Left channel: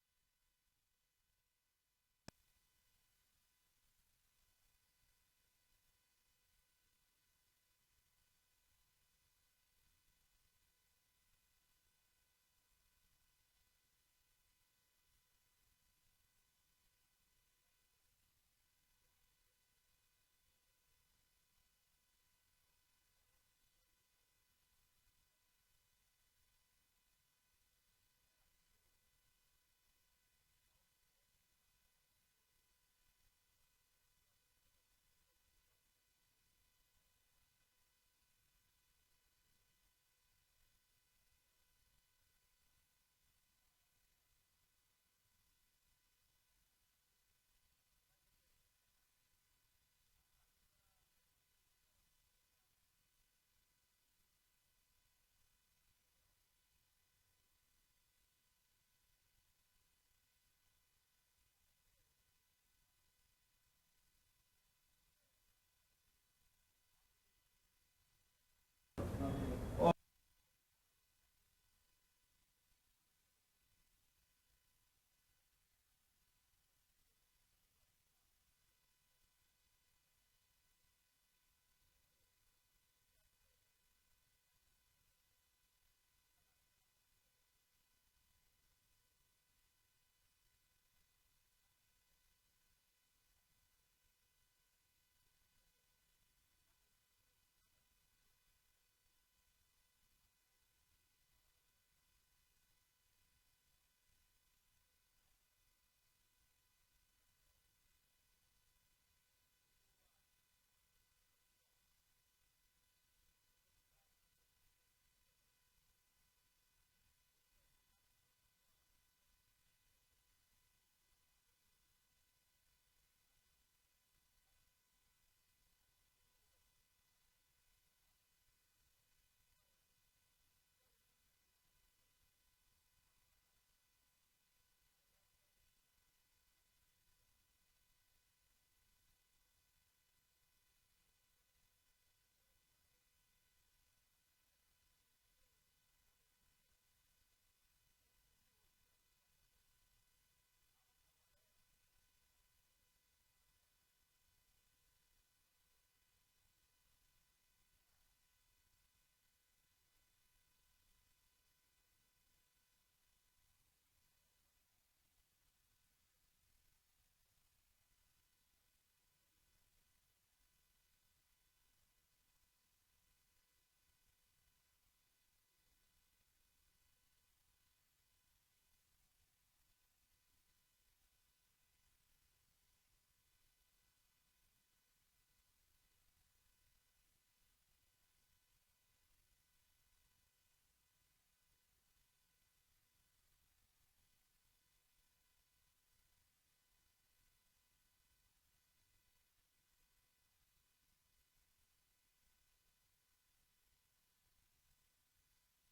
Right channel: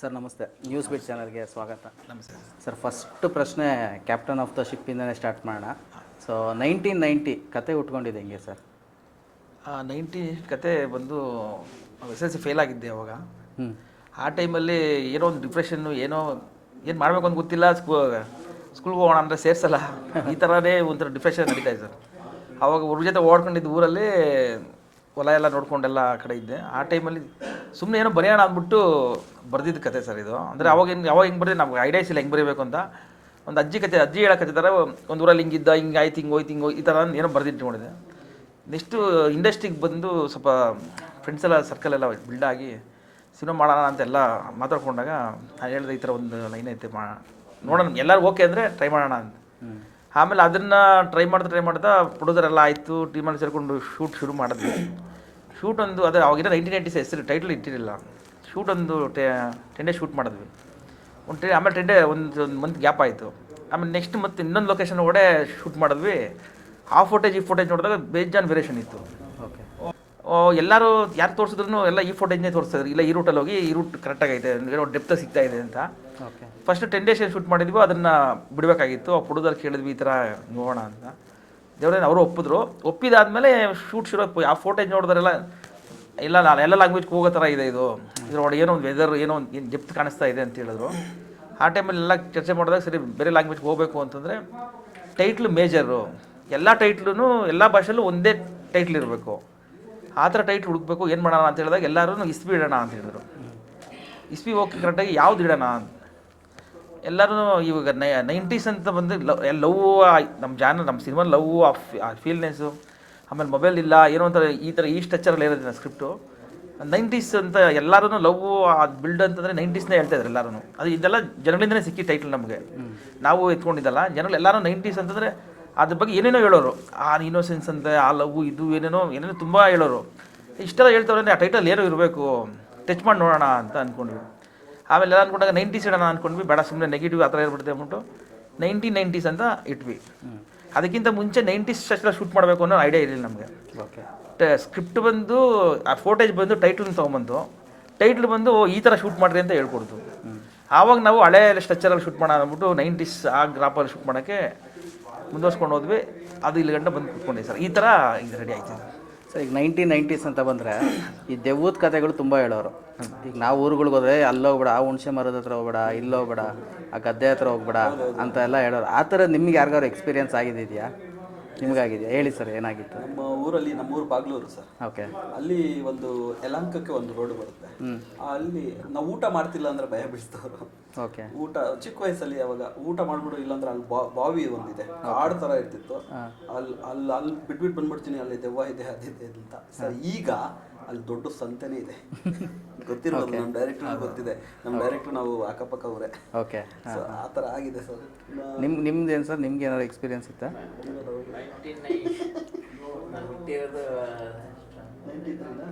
Sir ನಮಸ್ತೆ. News beet ಚಾನಲ್ಗೆ ಸ್ವಾಗತ. ನಮಸ್ತೆ. ಸರ್ ಫಸ್ಟ್ ಪ್ರಶ್ನೆ ಕ್ಯಾಪ್ಟನ್ ಆಫ್ ದ ಶಿಪ್ಪಿಂದನೇ ಸ್ಟಾರ್ಟ್ ಮಾಡೋಣ. ಸೊ ನೈನ್ಟೀನ್ ನೈಂಟಿ ಕತೆ ಉಟ್ಕೊಂಡಿದೆ ಹೆಂಗೆ ಸರ್? ನೈಂಟಿ ಕತೆ ಬಂದು ಎಸ್ ಎಲ್ ಸಿ ಫೇಲ್ ಆಗಿದ್ದೆ ಅವಾಗ. ಆ ಟೈಮಲ್ಲಿ ಏನೋ ಒಂದು ಡಿಪ್ರೆಷನ್ನು ಏನೋ ಏನು ಮಾಡಬೇಕು ಅಂತ ಗೊತ್ತಿಲ್ಲ ಸ್ಕೂ ಸ್ಕೂಲ್ಗೆ ಹೋಗೋಣ ಅಂದರೆ ಸೇರಿಸಲ್ಲ. ಈ ಥರನೇ ಒಂಥರ ಡಿಪ್ರೆಷನ್ ನಡೀತಾ ಇದೆ ಸರ್. ಅವಾಗ ಅವ್ರ ಜೊತೆ ಓಡ್ಕೊಂಡಿದ್ದ ಊರಲ್ಲಿ ಹೊಲ ಎಲ್ಲ ನೋಡ್ಕೊಂಡೆಲ್ಲ ಆ ಕಡೆ ಇದ್ದೆ. ಆ ಟೈಮಲ್ಲಿ ಸುಮ್ಮನೆ ಏನೋ ಬರೆಯೋಣ ಅಂದ್ಬಿಟ್ಟು ಬರೆದಿದ್ದ ಕತೆ ಸರ್ ಇದು. ಅಂದರೆ ಅವಾಗ ಹೆಂಗೆ ಅವಾಗ ಹೆಂಗೆ ಬರೆದ್ರೆ ನಮ್ಗೆ ಐಡಿಯಾಸ್ ಇಲ್ಲ ಹೆಂಗೆ ಬರೀಬೇಕು ಅಂತ. ಒಂದು ಅಜ್ಜಿ ಕತೆ, ಅಜ್ಜಿ ಹೇಳೋ ಕತೆ ಥರ ಒಂದು ಊರಲ್ಲಿ ಹಿಂಗಿದ್ದ ಹಿಂಗೆ ಆಯ್ತು, ಹಿಂಗೆ ಹೋಯ್ತು, ಹಿಂಗೆ ಈ ಥರ ಏನೋ ಬರೆದಿಟ್ಕೊಂಡಿದ್ದೆ ನೆಕ್ಸ್ಟು ಇಂಡಸ್ಟ್ರಿಗೆ ಬಂದು ಸ್ವಲ್ಪ ಫ್ರೆಂಡ್ಸ್ ಎಲ್ಲ ಸರ್ಕಲ್ ಎಲ್ಲ ಆಗಿ ಸಿನಿಮಾ ಮಾಡೋಣ ಅಂತೆಲ್ಲ ಮಾತಾಡ್ಕೊಂಡಾಗ ನಾನು ಹೇಳಿದೆ ಈ ಥರ ಒಂದು ಲೈನ್ ಐತೆ ಮಾ, ನೋಡೋಣ. ಎಲ್ಲರೂ ಓಕೆ ಅಂದರೆ ಟ್ರೈ ಮಾಡೋಣ ಅಂತ. ಆಮೇಲೆ ಅದನ್ನು ಟ್ರೈ ಮಾಡ್ತಾ ಟ್ರೈ ಮಾಡ್ತಾ ಪ್ರೊಡ್ಯೂಸರ್ ಎಲ್ಲ ಆಯಿತು ಟೀಮಲ್ಲಿ ಸೇರಿಕೊಂಡು ಶೂಟ್ ಶುರು ಮಾಡಿದ್ವಿ. ಶೂಟ್ ಒಂದು ಅದೇ ಅವಾಗಿನ ನೈನ್ಟೀನ್ ನೈಂಟೀಸ್ ಹೆಸರು ಟೈಟಲ್ ಇಟ್ಟಿರಲಿಲ್ಲ. ಶೂಟ್ ಒಂದು ಟೆನ್ ಡೇ ಶೂಟ್ ಮಾಡಿದ್ವಿ. ಒಂದು ಟೆ ಆಮೇಲೆ ಟೆನ್ ಡೇ ಒಂದು ಒಂದು ಮಂತ್ ಗ್ಯಾಪ್ ಆಯಿತು. ಆಮೇಲೆ ನೆಕ್ಸ್ಟ್ ಮತ್ತೆ ಇನ್ನೊಂದು ಲೊಕೇಶನ್ ಒಡೆ ಶೂಟ್ ಮಾಡಿದ್ವಿ. ಆ ಫೋಟೇಜ್ ಈ ಫೋಟೇಜ್ ನೋಡಿದಾಗ ಬೇಜಾನ್ ವೇರಿಯೇಷನ್ ಇತ್ತು. ಎಲ್ಲರೂ ಯಾರು ತೋರಿಸಿದ್ರು ಎಲ್ಲ ಈ ಫೋಟೇಜ್ನೇ ತೋರಿಸ್ತಾರೆ ಇಲ್ಲ ಈ ರೂಟಲ್ಲಿ ಹೋಗಿ ಈ ರೂಟ್ ಕರೆಕ್ಟಾಗಿ ಐತೆ ಏನೋ ಡೆಪ್ತ ಸಿಗ್ತಾ ಇದೆ ಅಂತ. ಓಕೆ ಫಸ್ಟ್ ಟೆನ್ ಡೇಸ್ ಏನು ಶೂಟ್ ಮಾಡಿದ್ವಿ ಅದನ್ನು ಬಿಡಬೇಕಾಗಿತ್ತು. ಆ ಹುಡುಗರು ಕೇಳಿದ್ವಿ ಈ ಥರ ನೋಡೋಣ ಅಂತ. ದೇವ್ರೇನು ಅವರು ಒಪ್ಪಿದ್ರು. ಒಪ್ಪಿದಾದಮೇಲೆ ಶೂಟ್ ಶುರು. ಆ ಫೋಟೇಜ್ ನೋಡಿದ್ರೆಲ್ಲ ಇಲ್ಲ ನಾನು ಎಲ್ಲ ಲ್ಯಾಂಗ್ವೇಜ್ಗೆ ಹೋಗೋ ಥರ ಇದೆ ಇದು. ಇದ್ರೊಳಗೆ ಏನೋ ಒಂದು ವೆದರ್ ಏನೋ ಒಂದು ಏನು ಡೆಪ್ತ್ ಕಾಣಿಸ್ತಾ ಇದೆ ಅಂತ ಹೇಳಿದ್ರು. ಆ ಟೈಮಲ್ಲಿ ಎಲ್ಲ ಚರ್ಚೆ ಮಾಡಿದಾಗ ಸರಿ ಬೇರೆ ಲ್ಯಾಂಗ್ವೇಜ್ಗೆ ಹೋಗಬೇಕು ಅಂತಂದರೆ ಟೈಟ್ಲು ಮೇಜರು ಎಲ್ಲ ಟೈಟ್ಲೂ ಎಲ್ಲ ಭಾಷೆಯಲ್ಲೂ ಒಂದೇ ಟೈಟ್ಲ್ ಇರಬೇಕು. ಆ ಥರ ಟೈಟ್ ಹುಡುಕ್ಬೇಕು ಏನು ಮಾಡೋಣ ಅಂತ ಹೇಳಿದಾಗ ಎಲ್ಲರೂ ಇಸ್ಪಿ ಇಡೋಣ ಅಂತ ಹೇಳಿದ್ರು. ಇಸ್ಪಿ ಹೋಗಿ ಕರೆಕ್ಟಾಗಿ ಯಾವ್ದು ಇಡೋಣ ಅಂತ. ಎಲ್ಲರೂ ಇವಾಗ ನೈ ನೈಂಟೀಸ್ ಅಂತ ಬಂದು ಲವ್ ಲವ್ ನಮ್ಮ ಜಾನ ನಮ್ಮ ಸಿನಿಮಾ ಲವ್ ಆ ಫೀಲ್ನೆಸ್ಸು ಆಮೇಲೆ ಮೊಬೈಲ್ ಇಲ್ಲ ಏನೋ ಒಂಥರ ಈ ಥರ ಈ ಸ್ಟ್ರಕ್ಚರಲ್ಲಿ ಇರೋದಿಲ್ಲ ಸ್ಕ್ರಿಪ್ಟು ನೈಂಟೀಸ್ ಅಂತ ಎಲ್ಲರೂ ಲವ್ ಅದು ಬಿಲ್ಡ್ ಅಂತಂದರೆ ನೈಂಟೀಸ್ನೇ ಹೇಳ್ತಾ ಇದ್ರು ಎಲ್ಲರೂ ಅದು ಇದೆಲ್ಲ ಜನಗಳಿಂದನೇ ಸಿಕ್ಕಿ ಟೈಟ್ಲ್ ನಮಗೆ. ನಾವು ಎತ್ಕೊಂಡಿದ್ದಲ್ಲ ಜನಗಳು ಎಲ್ಲರೂ ನೈಂಟೀಸ್ ಅಂತಂದರೆ ಅದ್ರ ಬಗ್ಗೆ ಏನೇನೋ ಹೇಳೋರು. ಆ ಇನ್ನೋಸೆನ್ಸ್ ಅಂತ ಆ ಲವ್ ಇದು ಏನೇನೋ ಏನೇನೋ ತುಂಬ ಹೇಳೋರು. ಇಷ್ಟೆಲ್ಲ ಹೇಳ್ತವ್ರೆ ಅಂದರೆ ಆ ಟೈಟಲ್ ಏನೋ ಇರಬೇಕು. ಟಚ್ ಮಾಡಿ ನೋಡೋಣ ಅಂತ ಅಂದ್ಕೊಂಡ್ವಿ ಆಮೇಲೆ ಎಲ್ಲ ಅಂದ್ಕೊಂಡಾಗ ನೈಂಟೀಸ್ ಇಡೋಣ ಅಂದ್ಕೊಂಡ್ವಿ ಬೇಡ ಸುಮ್ಮನೆ ನೆಗೆಟಿವ್ ಆ ಥರ ಇರ್ಬಿಡುತ್ತೆ ಅಂದ್ಬಿಟ್ಟು ನೈಂಟೀನ್ ನೈಂಟೀಸ್ ಅಂತ ಇಟ್ವಿ. ಅದಕ್ಕಿಂತ ಮುಂಚೆ ನೈಂಟೀಸ್ ಅಷ್ಟೆಲ್ಲ ಶೂಟ್ ಮಾಡಬೇಕು ಅನ್ನೋ ಐಡಿಯಾ ಇರಲಿಲ್ಲ ನಮಗೆ. ಓಕೆ ಸ್ಕ್ರಿಪ್ಟ್ ಬಂದು ಆ ಫೋಟೇಜ್ ಬಂದು ಟೈಟ್ಲ್ ತೊಗೊಂಬಂದು ಟೈಟ್ಲ್ ಬಂದು ಈ ಥರ ಶೂಟ್ ಮಾಡ್ರಿ ಅಂತ ಹೇಳ್ಕೊಡ್ತು. ಆವಾಗ ನಾವು ಹಳೆ ಸ್ಟ್ರಕ್ಚರಲ್ಲಿ ಶೂಟ್ ಮಾಡೋಣ ಅಂದ್ಬಿಟ್ಟು ನೈಂಟೀಸ್ ಆ ಗ್ರಾಪಲ್ಲಿ ಶೂಟ್ ಮಾಡೋಕ್ಕೆ ಮುಂದುವರ್ಸ್ಕೊಂಡು ಹೋದ್ವಿ. ಅದು ಇಲ್ಲಿ ಗಂಟೆ ಬಂದು ಕೂತ್ಕೊಂಡೆ ಸರ್. ಈ ಥರ ಇದು ರೆಡಿ ಆಯ್ತು ಸರ್. ಈಗ ನೈನ್ಟೀನ್ ನೈಂಟೀಸ್ ಅಂತ ಬಂದರೆ ಈ ದೆವ್ವದ ಕತೆಗಳು ತುಂಬ ಹೇಳೋರು. ಈಗ ನಾವು ಊರುಗಳಿಗೆ ಹೋದ್ರೆ ಅಲ್ಲೋಗ್ಬೇಡ ಆ ಹುಣಸೆ ಮರದ ಹತ್ರ ಹೋಗ್ಬೇಡ ಇಲ್ಲೋಗ್ಬೇಡ ಆ ಗದ್ದೆ ಹತ್ರ ಹೋಗ್ಬೇಡ ಅಂತ ಎಲ್ಲ ಹೇಳೋರು. ಆ ಥರ ನಿಮ್ಗೆ ಯಾರಿಗಾರು ಎಕ್ಸ್ಪೀರಿಯನ್ಸ್ ಆಗಿದೆಯಾ? ನಿಮಗಾಗಿದೆಯಾ? ಹೇಳಿ ಸರ್ ಏನಾಗಿತ್ತು? ನಮ್ಮ ಊರಲ್ಲಿ ನಮ್ಮ ಊರು ಬಾಗ್ಲೂರು ಸರ್. ಓಕೆ. ಅಲ್ಲಿ ಒಂದು ಯಲಂಕಕ್ಕೆ ಒಂದು ರೋಡ್ ಬರುತ್ತೆ. ಅಲ್ಲಿ ನಾವು ಊಟ ಮಾಡ್ತಿಲ್ಲ ಅಂದ್ರೆ ಭಯ ಬೀಳ್ತವ್ರು. ಓಕೆ. ಊಟ ಚಿಕ್ಕ ವಯಸ್ಸಲ್ಲಿ ಅವಾಗ ಊಟ ಮಾಡ್ಬಿಡು ಇಲ್ಲಾಂದ್ರೆ ಅಲ್ಲಿ ಬಾವಿ ಒಂದಿದೆ. ಕಾಡು ತರ ಇರ್ತಿತ್ತು. ಅಲ್ಲಿ ಅಲ್ಲಿ ಅಲ್ಲಿ ಬಿಟ್ಬಿಟ್ಟು ಬಂದ್ಬಿಡ್ತೀನಿ ಅಲ್ಲಿ ದೆವ್ವ ಇದೆ ಅದಿದೆ ಅಂತ. ಸರ್ ಈಗ ಅಲ್ಲಿ ದೊಡ್ಡ ಸಂತೆನೇ ಇದೆ. ಗೊತ್ತಿರೋದು ನಮ್ಮ ಡೈರೆಕ್ಟರ್ ಗೊತ್ತಿದೆ. ನಮ್ಮ ಡೈರೆಕ್ಟರ್ ನಾವು ಅಕ್ಕಪಕ್ಕ ಅವರೇ. ಓಕೆ ಸೊ ಆ ಥರ ಆಗಿದೆ ಸರ್. ನಿಮ್ಮ ನಿಮ್ದು ಏನು ಸರ್? ನಿಮ್ಗೆ ಏನಾದ್ರು ಎಕ್ಸ್ಪೀರಿಯನ್ಸ್ ಇತ್ತಾ? ನಾನು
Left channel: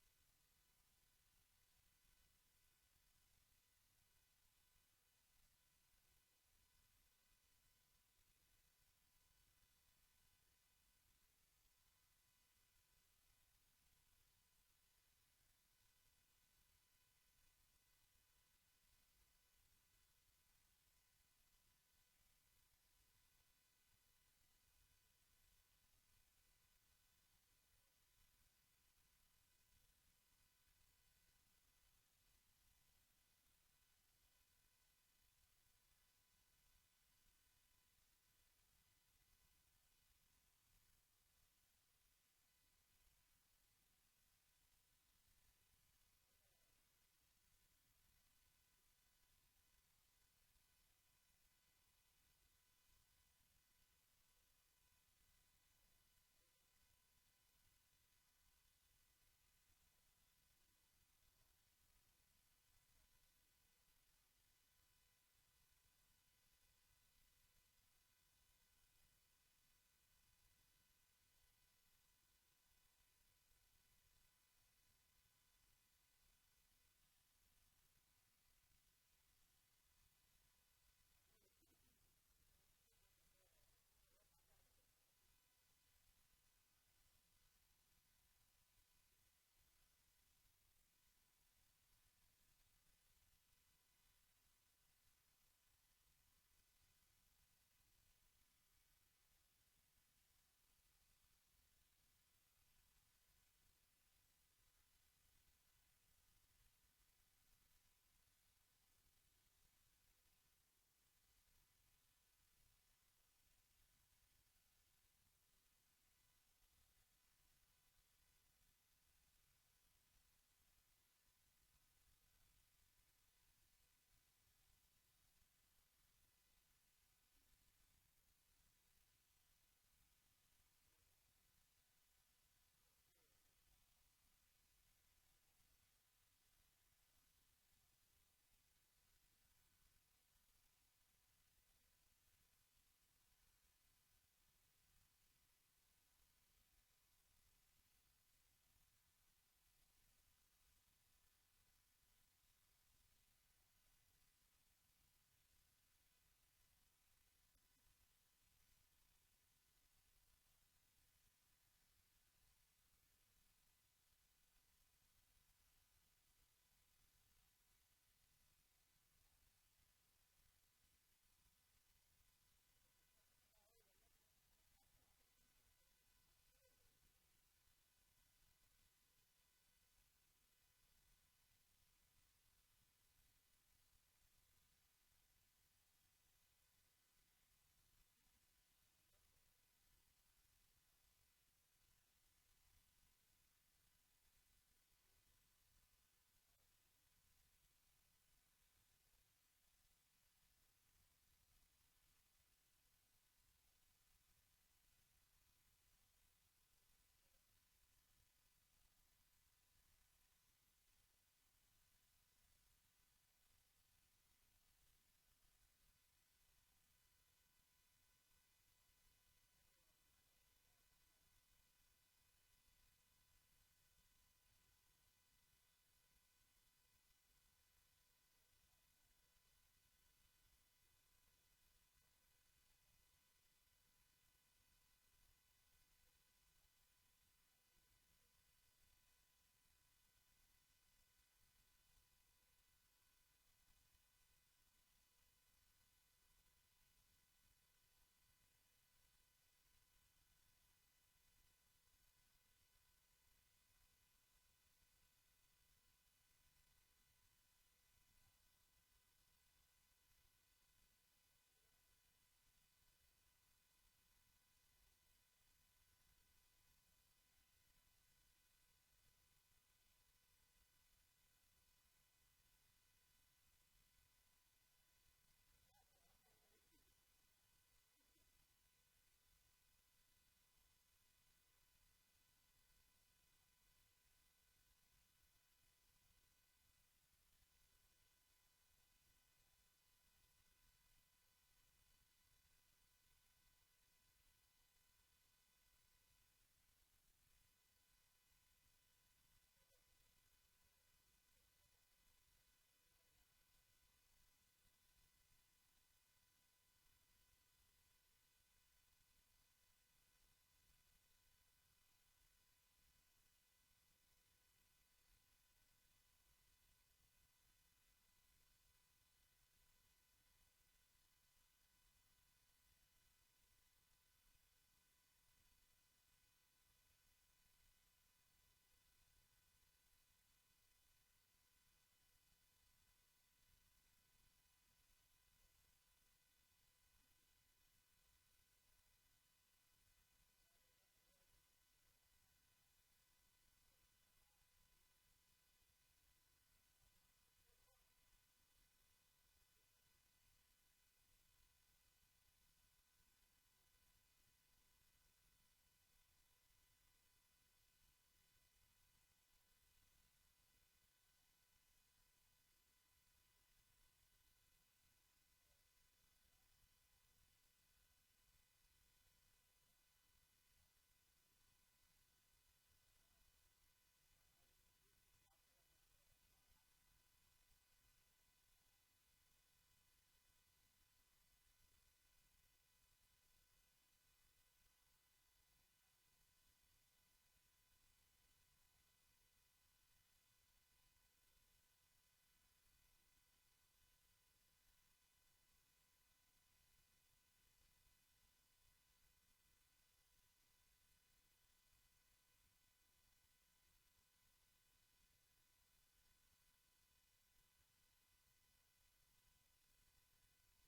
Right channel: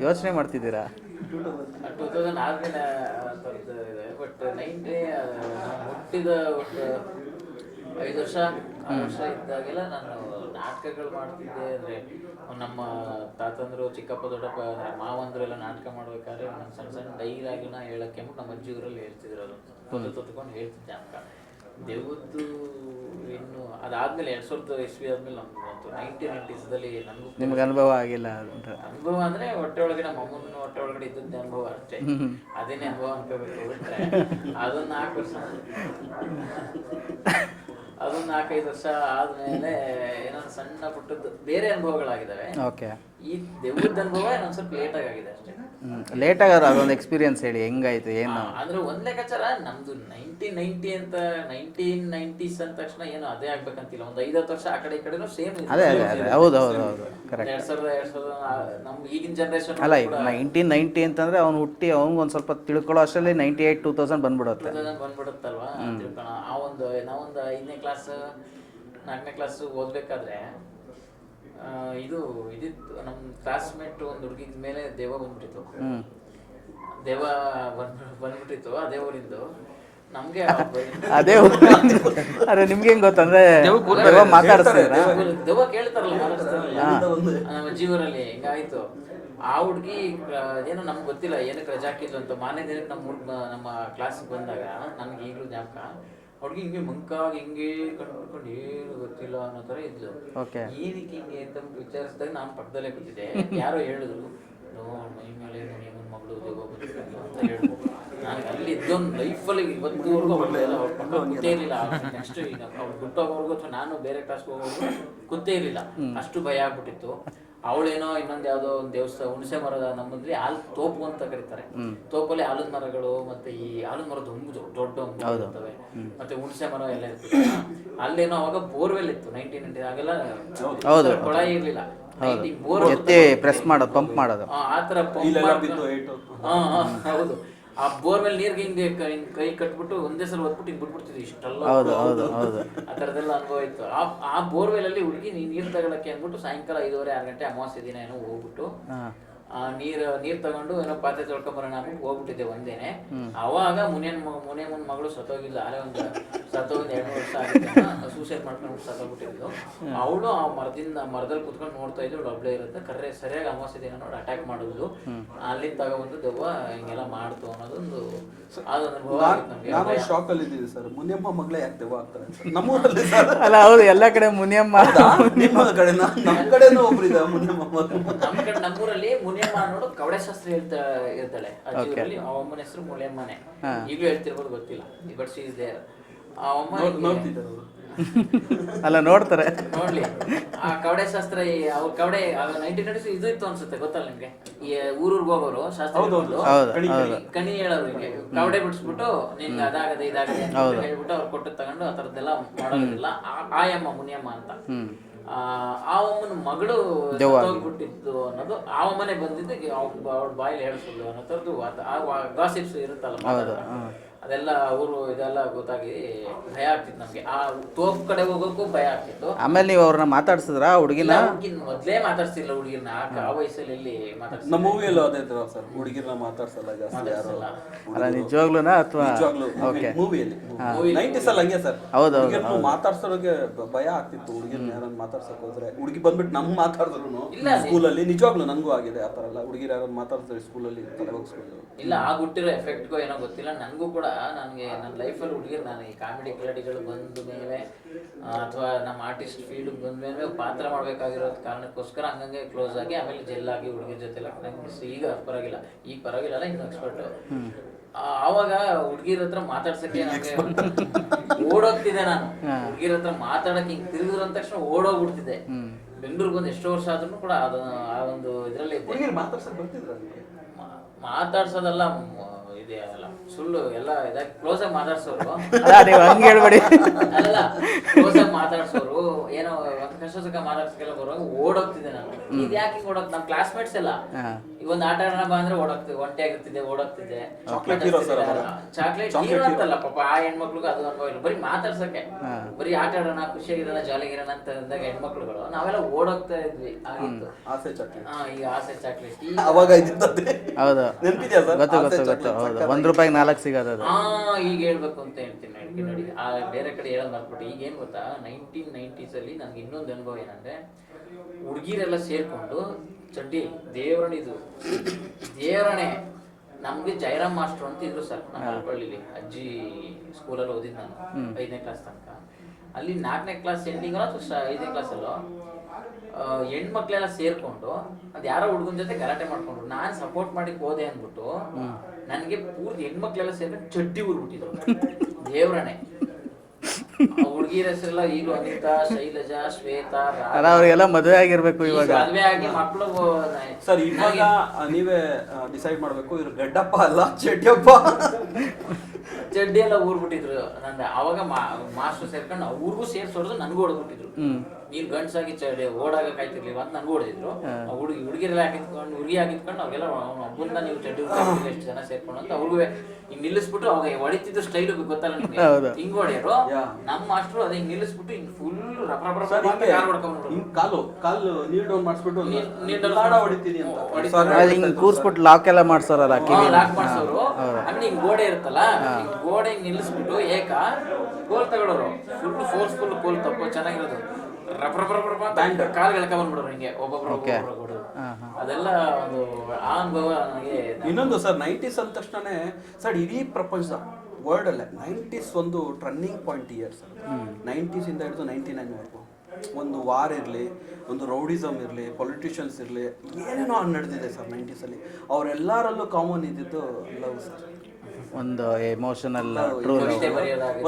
ಯೋಚನೆ ಮಾಡ್ತಿದ್ದೀರಾ? ಟೂ ತೌಸಂಡ್ ಬಟ್ ನೈಂಟಿ ಹುಟ್ಟಿದ ಐದು ವರ್ಷ ಆರು ವರ್ಷ ಇದ್ದಾಗೆಲ್ಲ ನಾನು ನಾಟಕಗಳು ಮಾಡ್ತಿದ್ದೆ ಅಂದರೆ ನಮ್ಮ ತಾತಂದ್ರು ಚಿಕ್ಕಪ್ಪ ದೊಡ್ಡಪ್ಪ ಅಂದರೆ ಮಾವಂದ್ರೆಲ್ಲ ನಾಟಕ ಮಾಡ್ಬೇಕಾದ್ರೆ ನಾನು ಸಣ್ಣ ಸಣ್ಣ ಡೈಲಾಗಿನ ಹೇಳಕ್ಕೆ ಅಂದ್ಬಿಟ್ಟು ನಮ್ಮ ಅಜ್ಜಿ ಊರಲ್ಲಿ ಹೇಳ್ತಿದ್ರು ಅದು ತೊತ್ಕೊಂಡು ಹೇಳ್ತಿದ್ದೆ ಅಂತ ದೆವ್ವದ್ದು ಇನ್ನು ಅದಾದ್ಮೇಲೆ ಎರಡು ಸಾವಿರದ ಇಸ್ವಿ ಆದ್ಮೇಲೆ ಬಂತು. ನೈನ್ಟೀನ್ ನೈಂಟೀಸ್ದಲ್ಲಿ ನನಗೂ ನಿಮ್ಗೆ ಅನುಭವ ಆಗಿಲ್ಲ ಅನುಭವ ಅಂದ್ರೆ ಹೊಟ್ಟೆ ಒಳಗೆ ನಮ್ಮ ಅಮ್ಮನ ಹೊಟ್ಟೆ ಒಳಗಡೆ ಇದ್ದದ್ದೇ ಅನುಭವ ಅಷ್ಟೇ. ಅದೇನೇ ಅನುಭವ ಅನ್ಕೋಬೇಕು ಬಿಟ್ರೆ ಅದೊಂದು ನಾಲ್ಕು ವರ್ಷ. ಅದೊಂದು ನಾಲ್ಕೈದು ವರ್ಷ ಆದ್ಮೇಲೆ ಏನೋ ಸಣ್ಣ ಪುಟ್ಟದ್ದು ಬೇರೆ ಅನುಭವಗಳಾಗಿದ್ದಾವೆ. ಓಕೆ. ಈ ದೆವ್ವದ ಅನುಭವ ಇನ್ನೊಂದ್ ಸ್ವಲ್ಪ ಲೇಟ್ ಆಗಿದೆ ಅಷ್ಟೇ. ಲೇಟಾಗಿ ಅದೊಂದು ಎಕ್ಸ್ಪೀರಿಯನ್ಸ್ ಹೇಳಿ ಹೆಂಗಾಯ್ತು ಏನು? ಅಂದ್ರೆ ಒಂದ್ ಲೆಕ್ಕಾಚಾರ ನಮ್ದು ನೈನ್ಟೀನ್ ನೈನ್ಟಿ ಅಂತ ನೈನ್ಟೀನ್ ನೈನ್ಟೀಸ್ ಅಂದ ತಕ್ಷಣ ಏನು ಅದೇ ಆಗ್ಬೇಕಂತಿಲ್ಲ. ಒಂದ್ ಐದತ್ತು ವರ್ಷ ಆ ಕಡೆ ಈ ಕಡೆನೂ ಸೇಮ್ ಅದೇ ಅದೇ ಅದೇ. ಹೌದು ಹೌದು ಹೌದು. ಕರೆಕ್ಟ್ ಎರಡ್ ಸಾವಿರದ ಎರಡ್ ಸಾವಿರದ ನಮ್ ಈಗಿನ ಜನರೇಷನ್ ಅಲ್ಲ ಈಗ ನೈನ್ಟೀನ್ ನೈಂಟಿ ಅಂತಂದ್ರೆ ಅವ್ನು ಹುಟ್ಟಿ ಅವ್ನಿಗೆ ಒಂದು ಸ್ವಲ್ಪ ತಿಳ್ಕೊಳ್ಳೋ ಅಷ್ಟರಲ್ಲಿ ನೈಂಟಿ ಏಯ್ಟ್ ಟೂ ತೌಸಂಡ್ ಬಂದ್ಬಿಡುತ್ತೆ ಬಂದ್ಬಿಡುತ್ತಲ್ವಾ? ಒಂದು ನಾವೊಂದು ಐದನೇ ಕ್ಲಾಸ್ ನಾಲ್ಕನೇ ಕ್ಲಾಸ್ ಓದ್ಬೇಕಾದ್ರೆ ಆ, ಇದು ಇದಿತ್ತು ನಮ್ಮ ಕ್ಲಾಸ್ಮೇಟ್ ಒಂದು ಹುಡುಗಿದ ಮೇಲೆ ದೇವ ಬಂದ್ಬಿಟ್ಟಿತ್ತು. ದೇವ ಬಂದ್ ಬಂದ್ಬಿಟ್ಟಿತ್ತು ಅದೇ ಊರಿಂದು ನಮ್ಗೆ ಅದೇ ಅರೆ ನಿಮ್ಗೆ ಹೆಂಗ್ ಗೊತ್ತಂದ್ರೆ ದೇವ ಮಾತಾಡಿಸ್ತೀರಾ ದೆವ್ವ ಕೇಳ್ತಾರಲ್ಲ ನಮ್ಮ ಜೀವನಲ್ಲಿ ಹಿಂಗಾಯ್ತು. ಆ ಹುಡುಗಿ ಏನೋ ನಮ್ಗೆ ಗೊತ್ತಿಲ್ಲ ಏನಕ್ಕೆ ರಜಾ ಹಾಕಿದ್ರು ಅಂತ. ಮಾನ್ಯ ದಿನಕ್ಕೆ ನಮ್ಮ ಹುಡ್ಗ ನಮ್ಮ ಕ್ಲಾಸಿಗೆ ಬಂದಾಗ ನನಗೆ ಈಗಲೂ ಜ್ಞಾಪಕ ಹುಡುಗಿ ಹಿಂಗೆ ಮಂಕಾಗಿ ಹಿಂಗೆ ಕಂಡುಕೊಂಡು ಏನು ಗೊತ್ತಿಲ್ಲ ಅನ್ನೋ ತರ ಇದ್ಲು. ಓಕೆ ಏನಕ್ಕೆ ಹಿಂಗೆ ಅಂತ ವಿಚಾರಿಸಿದಾಗ ನಾನು ಪಕ್ಕದಲ್ಲೇ ಕೂತಿದ್ದೆ. ಯಾರೋ ಹೇಳಿದ್ರು "ನೋ, ಮೈ ಮೇಲೆ ನಿಮ್ಮ ಮಗಳು ಉದ್ಯೋಗ ಅಂತ ಹೇಳಿದ್ರು ನಾನು ಅಲ್ಲಿ ಇದ್ದೊಂದು ಲೈಫಲ್ಲಿ ಇವತ್ತುವರೆಗೂ ಅವಳು ಎಲ್ಲ ಪಕ್ಕ ಇರಲಿಲ್ಲ. ನೆಕ್ಸ್ಟ್ ಈಗ ಬಿಟ್ಟೋಗೋರ್ಗು ಅಥವಾ ನಾನು ಬೇರೆ ಕ್ಲಾಸ್ಗೆ ಹೋಗೋರ್ಗು ಗೊತ್ತೇ ಇರಲಿಲ್ಲ. ಅಷ್ಟು ಭಯ ಆಗ್ಬಿಟ್ಟಿತ್ತು. ಅವಳೇನೋ ಇನ್ನೊಂದು ಯಾವುದೋ ಒಂದು ದೇವಸ್ಥಾನ ಹುಣಸೆ ಮರದ ನಮ್ಮಲ್ಲಿ ಹಾಲು ತೋಪು ಅಂತ ಕರೀತಾರೆ. ತೋಪಲ್ಲಿ ಆಲದ ಮರಗಳು ಮತ್ತೆ ಈ ಆಲದ ಮರ ಹೊಂಬು ದೊಡ್ಡ ಇರ್ತವೆ. ಮತ್ತೆ ಹುಣಸೆ ಮರ ಎಲ್ಲ ಇರ್ತದೆ ಅಲ್ಲೇನೋ ಅವಾಗ ಬೋರ್ವೆಲ್ ಇತ್ತು ನೈನ್ಟೀನ್ ನೈನ್ಟಿ ಆಗೆಲ್ಲ ಹೌದು. ಇರ್ಲಿಲ್ಲ. ಇರಲಿಲ್ಲ ಬೋರ್ ಎತ್ತಿ ಪ್ರೆಸ್ ಮಾಡೋದು ಪಂಪ್ ಮಾಡೋದು. ಆ ಹಾ, ಹೌದು. ಆ ಬೋರ್ವೆಲ್ ನೀರ್ಗೆ ಹಿಂಗೆ ಕೈ ಕೈ ಕಟ್ಬಿಟ್ಟು ಒಂದೇ ಸಲ ಹೊತ್ಬಿಟ್ಟು ಹಿಂಗ್ ಬಿಟ್ಬಿಡ್ತಿದ್ವಿ. ಇಷ್ಟೆಲ್ಲ ಹೌದು ಹೌದು ಹೌದು. ಆ ಥರದ್ದೆಲ್ಲ ಅನುಭವ ಇತ್ತು. ಆ ಆ ಬೋರ್ವೆಲ್ ಅಲ್ಲಿ ಹುಡುಗಿ ನೀರು ತಗೊಳಕ್ಕೆ ಅಂದ್ಬಿಟ್ಟು ಸಾಯಂಕಾಲ ಐದುವರೆ ಆರು ಗಂಟೆ ಅಮಾವಾಸ್ಯ ದಿನ ಏನೋ ಹೋಗ್ಬಿಟ್ಟು ನೀರು ನೀರ್ ತಗೊಂಡು ಏನೋ ಪಾತ್ರೆ ತೊಳ್ಕೊಂಬರೋಣ ಅಂತ ಹೋಗ್ಬಿಟ್ಟಿದ್ದೆ ಒಂದೇನೆ. ಅವಾಗ ಮುನೇನ್ ಮುನೇ ಮುನ್ ಮಗಳು ಸತ್ತೋಗಿಲ್ಲ ಅಲ್ಲೇ ಒಂದು ಸತ್ತೋಗಿದ್ದು ಎರಡು ವರ್ಷ ಆಗಿತ್ತು ಸೂಸೈಡ್ ಮಾಡ್ಕೊಂಡು ಸತ್ತೋಗ್ಬಿಟ್ಟಿದ್ಲು. ಅವಳು ಆ ಮರದಿಂದ ಮರದಲ್ಲಿ ಕುತ್ಕೊಂಡು ನೋಡ್ತಾ ಇದ್ದು ಅವಳು ಇರುತ್ತೆ ಕರೆ ಸರಿಯಾಗಿ ಅಮಾವಾಸ್ಯ ದಿನ ನೋಡಿ ಅಟ್ಯಾಕ್ ಮಾಡೋದು ಅಲ್ಲಿಂದ ತಗೊಬಂದು ದೆವ್ವ ಹಿಂಗೆಲ್ಲ ಮಾಡ್ತು ಅನ್ನೋದೊಂದು ನಾನ್- ಶಾಕ್ ಅಲ್ಲಿ ಇದ್ದೀನಿ ಸರ್. ಮುನಿಯಮ್ಮ ಮಗಳೇ ಯಾಕೆ ದೆವ್ವ ಆಗ್ತಾರೆ ಅಂತ. ನಮ್ಮೂರಲ್ಲಿ ಸರ್. ಅಲ್ಲ ಹೌದು ಎಲ್ಲ ಕಡೆ ಮುನಿಯಮ್ಮ. ನಿಮ್ಮ ಕಡೆ ನಮ್ಮ ಕಡೆನೂ ಒಬ್ರಿದ ಮುನಿಯಮ್ಮ ಮಗಳು. ನಮ್ಮ ಕಡೆ ನಮ್ಮೂರಲ್ಲಿ ಮುನಿಯಮ್ಮ ಅನ್ನೋದು ಕವಡೆ ಶಾಸ್ತ್ರ ಹೇಳ್ತಾ ಇರ್ತಾಳೆ. ಅಜ್ಜಿಯಲ್ಲಿ ಆ ಅಮ್ಮನ ಹೆಸರು ಮುನಿಯಮ್ಮನೆ. ಈಗಲೂ ಹೇಳ್ತಿರ್ಬೋದು ಗೊತ್ತಿಲ್ಲ. ಬಟ್ ಶಿ ಇಸ್ ದೇರ್ ಆ ಅಮ್ಮ ನೋಡ್ತಿದ್ದಾರೆ ಅವರು. ಅಲ್ಲ ನೋಡ್ತಾರೆ. ನೋಡ್ಲಿ. ಆ ಕವಡೆ ಶಾಸ್ತ್ರ ಈ ಅವ್ರ ಕವಡೆ ನೈನ್ಟೀನ್ ನೈನ್ಟೀಸ್ ಇದು ಇತ್ತು ಅನ್ಸುತ್ತೆ ಗೊತ್ತಲ್ಲ ನಿಮ್ಗೆ? ಈ ಊರೂರ್ಗೆ ಹೋಗೋರು ಶಾಸ್ತ್ರ ಹಿಡ್ಕೊಂಡು ಹೌದು. ಕಣಿ ಹೌದು. ಕಣಿ ಹೇಳೋರು ಹಿಂಗೆ. ಕವಡೆ ಬಿಡಿಸ್ಬಿಟ್ಟು ನಿನ್ಗೆ ಅದಾಗದೆ ಇದಾಗದೆ ಅಂತ ಹೇಳ್ಬಿಟ್ಟು ಅವ್ರು ಕೊಟ್ಟು ತಗೊಂಡು ಆ ಥರದ್ದೆಲ್ಲ ಮಾಡೋದಿಲ್ಲ ಆಯಮ್ಮ ಮುನಿಯಮ್ಮ ಅಂತ. ಆ ಆ ಅಮ್ಮನ ಮಗಳು ಹೋಗ್ಬಿಟ್ಟಿದ್ದು ಅನ್ನೋದು ಆ ಅಮ್ಮನೆ ಬಂದಿದ್ದು ಅವ್ಳ ಬಾಯಲ್ಲಿ ಹೇಳಿಸೋದು ಅನ್ನೋ ಥರದ್ದು ಗಾಸಿಪ್ಸ್ ಇರುತ್ತಲ್ಲ ಮಾತಾಡ್ತಾರೆ. ಅದೆಲ್ಲ ಅವರು ಇದೆಲ್ಲ ಗೊತ್ತಾಗಿ ಭಯ ಆಗ್ತಿತ್ತು ನಮ್ಗೆ. ಆ ತೋಪ್ ಕಡೆ ಹೋಗೋಕ್ಕೂ ಭಯ ಆಗ್ತಿತ್ತು. ಆಮೇಲೆ ನೀವು ಅವ್ರನ್ನ ಮಾತಾಡ್ಸಿದ್ರ ಹುಡುಗಿನ? ಹುಡುಗಿನ ಮೊದ್ಲೇ ಮಾತಾಡ್ಸಿಲ್ಲ ಹುಡುಗಿನ. ಆ ವಯಸ್ಸಲ್ಲಿ ಇಲ್ಲಿ ಮಾತಾಡ್ಸಿಲ್ಲ ನಮ್ಮ ಮೂವಿಯಲ್ಲೂ ಅದೇ ತರ ಸರ್. ಹುಡುಗಿರ್ನ ಮಾತಾಡ್ಸಲ್ಲ ಜಾಸ್ತಿ ಯಾರು? ಅಲ್ಲ ನಿಜವಾಗ್ಲೂನಾ ಅಥವಾ? ಓಕೆ. ಮೂವಿಯಲ್ಲಿ. ನೈಂಟೀಸ್ ಅಲ್ಲಿ ಹಂಗೆ ಸರ್. ಹೌದು, ಮಾತಾಡ್ಸೋರಿಗೆ ಭಯ ಆಗ್ತಿತ್ತು. ಹುಡುಗಿರ್ನ ಯಾರನ್ನ ಮಾತಾಡ್ಸಕ್ ಹೋದ್ರೆ. ಹುಡುಗಿ ಬಂದ್ಬಿಟ್ಟು ನಮ್ ಮಾತಾಡಿದ್ರು ಇಲ್ಲ, ಸ್ಕೂಲಲ್ಲಿ. ನಿಜವಾಗ್ಲೂ ನನಗೂ ಆಗಿದೆ ಆ ತರ ಎಲ್ಲ. ಹುಡುಗಿರ ಯಾರನ್ನ ಮಾತಾಡ್ತಾರೆ ಸ್ಕೂಲಲ್ಲಿ ಇಲ್ಲ ಆ ಹುಟ್ಟಿರೋ ಎಫೆಕ್ಟ್ಗೋ ಏನೋ ಗೊತ್ತಿಲ್ಲ. ನನಗೂ ಕೂಡ ನನಗೆ ನನ್ನ ಲೈಫಲ್ಲಿ ಹುಡುಗಿರು ನಾನು ಈ ಕಾಮಿಡಿ ಕಿಲಾಡಿಗಳು ಬಂದ ಮೇಲೆ ಅಥವಾ ನಮ್ಮ ಆರ್ಟಿಸ್ಟ್ ಫೀಲ್ಡ್ ಬಂದ ಮೇಲೆ ಪಾತ್ರ ಮಾಡಬೇಕಾಗಿರೋ ಕಾರಣಕ್ಕೋಸ್ಕರ ಹಂಗಂಗೆ ಕ್ಲೋಸ್ ಆಗಿ ಆಮೇಲೆ ಜೆಲ್ ಆಗಿ ಹುಡುಗಿರ ಜೊತೆ ಎಲ್ಲ ನಂಗೆ ಈಗ ಪರವಾಗಿಲ್ಲ. ಈಗ ಪರವಾಗಿಲ್ಲ ಅಲ್ಲ ಇನ್ನು ಎಕ್ಸ್ಪರ್ಟ್ ಆವಾಗ ಹುಡುಗಿರ ಹತ್ರ ಮಾತಾಡ್ಸಕ್ಕೆ ನನಗೆ ಓಡೋಗ್ತಿದ್ದೆ ನಾನು. ಹುಡುಗಿರ ಹತ್ರ ಮಾತಾಡಕ್ಕೆ ಹಿಂಗೆ ತಿರುಗಿದ್ರು ಅಂದ ತಕ್ಷಣ ಓಡೋಗ್ಬಿಡ್ತಿದ್ದೆ. ಬೆಂಗಳೂರಿಗೆ ಒಂದು ಎಷ್ಟೋ ವರ್ಷ ಆದ್ರೂ ಕೂಡ ಅದು ಆ ಒಂದು ಇದರಲ್ಲಿ ಮಾತಾಡ್ಸೋದಲ್ಲ ಇದೆಯಲ್ಲ ಇದೆ ಅಲ್ಲ ಸುಳ್ಳು ಎಲ್ಲ ಇದಾಗಿ ಕ್ಲೋಸ್ ಆಗಿ ಮಾತಾಡ್ಸೋರು. ಅಲ್ಲ ನೀವು ಹಂಗೆ ಹೇಳ್ಬೇಡಿ. ಅಲ್ಲ ಕ್ಲೋಸ್ ಆಗಿ ಮಾತಾಡ್ಸೋರು. ಏನೋ ಕಷ್ಟ ಸುಖ ಮಾತಾಡ್ಸಕ್ಕೆಲ್ಲ ಬರುವಾಗ ಓಡೋಗ್ತಿದ್ದೆ ನಾನು. ಇದು ಯಾಕೆ ಓಡೋಗ್ ನಮ್ಮ ಕ್ಲಾಸ್ಮೇಟ್ಸ್ ಎಲ್ಲ. ಒಂದು ಆಟ ಆಡೋಣ ಬಂದ್ರೆ ಅಂದ್ರೆ ಓಡೋಗ್ತಿದ್ದೆ ಒಂಟೆ ಆಗಿರ್ತಿದ್ದೆ ಓಡೋಗ್ತಿದ್ದೆ. ಚಾಕ್ಲೇಟ್ ಹೀರೋ ಅಂತಲ್ಲ ಪಾಪ ಆ ಹೆಣ್ಮಕ್ಳಿಗೂ ಅದು ಅನುಭವ ಇಲ್ಲ. ಬರೀ ಮಾತಾಡ್ಸಕ್ಕೆ ಬರೀ ಆಟ ಆಡೋಣ ಖುಷಿಯಾಗಿರೋಣ ಜಾಲಿಗಿರೋಣ ಅಂತ ಅಂದಾಗ ಹೆಣ್ಮಕ್ಳುಗಳು. ನಾವೆಲ್ಲ ಓಡೋಗ್ತಾ ಇದ್ವಿ. ಆಗಿತ್ತು. ಆಸೆ ಚಾಕ್ಲೇಟ್ ಹಾ ಈಗ ಆಸೆ ಚಾಕ್ಲೇಟ್ ಅವಾಗ ಇದ್ದಿದ್ದೆ ಹೌದು. ನೆನ್ಪಿದ್ಯಾ ಸರ್? ಗೊತ್ತು ಗೊತ್ತು ಗೊತ್ತು. ಹೌದು. ಒಂದು ರೂಪಾಯಿಗೆ ನಾಲ್ಕು ಸಿಗೋದು ಅದು. ಈಗ ಹೇಳ್ಬೇಕು ಅಂತ ಹೇಳ್ತೀನಿ ನೋಡಿ ನೋಡಿ ಆ ಬೇರೆ ಕಡೆ ಹೇಳೋದು ಮರ್ಬಿಟ್ಟು ಈಗ ಏನು ಗೊತ್ತಾ? ನೈನ್ಟೀನ್ ಅಲ್ಲಿ ನನಗೆ ಇನ್ನೊಂದು ಅನುಭವ ಏನಂದ್ರೆ ಹುಡುಗಿರೆಲ್ಲ ಸೇರ್ಕೊಂಡು ಚಡ್ಡಿ ದೇವರಣಿದು ದೇವರಣೆ ನಮ್ಗೆ ಜೈರಾಮ್ ಮಾಸ್ಟರ್ ಅಂತ ಇದ್ರು ಸರ್ ನಮ್ಮ ಹಳ್ಳಿಲಿ ಅಜ್ಜಿ ಸ್ಕೂಲಲ್ಲಿ ಓದಿದ್ದು ನಾನು ಐದನೇ ಕ್ಲಾಸ್ ತನಕ. ಅಲ್ಲಿ ನಾಲ್ಕನೇ ಕ್ಲಾಸ್ ಎಂಡಿಂಗ್ ಅಥವಾ ಐದನೇ ಕ್ಲಾಸಲ್ಲೋ ಹೆಣ್ಮಕ್ಳೆಲ್ಲ ಸೇರ್ಕೊಂಡು ಅದು ಯಾರೋ ಹುಡುಗನ ಜೊತೆ ಗಲಾಟೆ ಮಾಡ್ಕೊಂಡ್ರು. ನಾನು ಸಪೋರ್ಟ್ ಮಾಡಿ ಹೋದೆ ಅಂದ್ಬಿಟ್ಟು ನನಗೆ ಪೂರ್ತಿ ಹೆಣ್ಮಕ್ಳೆಲ್ಲ ಸೇರ್ಕೊಂಡು ಚಡ್ಡಿ ಊರ್ಬಿಟ್ಟಿದ್ರು ದೇವ್ರಣೆ ಹುಡುಗಿರ ಹೆಸರೆಲ್ಲ ಈಗಲೂ ಅನಿತಾ ಶೈಲಜಾ ಶ್ವೇತಾ. ಅಲ್ಲ ಅವ್ರಿಗೆಲ್ಲ ಮದುವೆ ಆಗಿರ್ಬೇಕು ಈಗ ಇವಾಗ. ಮದ್ವೆ ಆಗಿ ಮಕ್ಕಳು ಸರ್ ಇವಾಗ ನೀವೇ ಡಿಸೈಡ್ ಮಾಡ್ಬೇಕು. ಇವ್ರು ಗಡ್ಡಪ್ಪ ಅಲ್ಲ ಚಡ್ಡಿಯಪ್ಪ. ಚಡ್ಡಿ ಎಲ್ಲ ಊರ್ಬಿಟ್ಟಿದ್ರು ನನ್ನ ಅವಾಗ ಮಾಸ್ಟರ್ ಸೇರ್ಕೊಂಡು ಅವ್ರಿಗೂ ಸೇರ್ಸೋದು ನನಗೂ ಹೊಡೆದ್ಬಿಟ್ಟಿದ್ರು ನೀನ್ ಗಂಡ್ಸಾಗಿ ಚಡಿ ಓಡಾಗ ಕಾಯ್ತಿರ್ಲಿಲ್ಲ ಅಂತ ನನಗೂ ಓಡಿದ್ರು ಹುಡುಗಿ ಹುಡುಗಿರೆಲ್ಲ ಹಾಕಿದ್ಕೊಂಡು ಹುಡುಗಿ ಹಾಕಿದ್ಕೊಂಡು ಅವ್ರಿಗೆಲ್ಲ ಒಬ್ಬನ ನೀವು ಚಡ್ಡಿ ಎಷ್ಟು ಜನ ಸೇರ್ಕೊಂಡು ಅಂತ ಅವ್ರಿಗೂ ಹಿಂಗ್ ನಿಲ್ಲಿಸ್ಬಿಟ್ಟು ಅವಾಗ ಹೊಡಿತಿದ್ದು ಸ್ಟೈಲ್ ಗೊತ್ತಲ್ಲ ನಿಮ್ಗೆ. ಹಿಂಗ್ ಹೊಡೆಯೋರು. ನಮ್ಮ ಮಾಸ್ಟ್ರು ಅದೇ ಹಿಂಗ್ ನಿಲ್ಲಿಸ್ಬಿಟ್ಟು ಹಿಂಗ್ ಫುಲ್ ರಪ ರಪ ರಪ ಅಂತ ಹಿಂಗೆ ಕಾಲ್ ಹಿಂಗ್ ಕಾಲು ಕಾಲು ನೀರ್ ಡೌನ್ ಮಾಡಿಸ್ಬಿಟ್ಟು ನೀರ್- ಡೌನ್ ಹೊಡಿತೀನಿ ಅಂತ. ಹಿಂಗ್ ಕೂರ್ಸ್ಬಿಟ್ಟು ಲಾಕ್ ಎಲ್ಲ ಮಾಡ್ಸೋರಲ್ಲ ಲಾಕ್ ಮಾಡ್ಸೋರು. ಅಂದ್ರೆ ಹಿಂಗ್ ಗೋಡೆ ಇರುತ್ತಲ್ಲ ಗೋಡೆ ಹಿಂಗ್ ನಿಲ್ಲಿಸ್ಬಿಟ್ಟು ಏಕ ಗೋಲ್ ತಗೊಳೋರು. ಫುಲ್ ಫೋರ್ಸ್ಫುಲ್ ಕೋಲ್ ತಪ್ಪು ಚೆನ್ನಾಗಿರೋದು. ರಪ ಗೆಳಕ ಹಿಂಗೆ ಒಬ್ಬೊಬ್ರು ಒಬ್ಬೊಬ್ರು ಅದೆಲ್ಲ ಒಂದು ಆ ಅನುಭವ ನನಗೆ ಇನ್ನೊಂದು ಸರ್ ನೈಂಟೀಸ್ ಅಂದ ತಕ್ಷಣನೇ ಸರ್ ಇಡೀ ಪ್ರಪಂಚ ವರ್ಲ್ಡ್ ಅಲ್ಲೇ ನೈಂಟೀಸ್ ಒಂದು turning point year sir. Nineties ಇಂದ ಹಿಡಿದು ನೈಂಟಿ ನೈನ್ವರೆಗೂ ಒಂದು ವಾರ್ ಇರಲಿ ಒಂದು ರೌಡಿಸಮ್ ಇರಲಿ ಪೊಲಿಟಿಷಿಯನ್ಸ್ ಇರಲಿ ಏನೇನೋ ನಡೆದಿದೆ ಸರ್ ನೈಂಟೀಸಲ್ಲಿ ಅವರೆಲ್ಲರಲ್ಲೂ ಕಾಮನ್ ಇದ್ದಿದ್ದು ಲವ್ ಸರ್. ಒಂದು ಎಮೋಷನಲ್ ಟ್ರೂ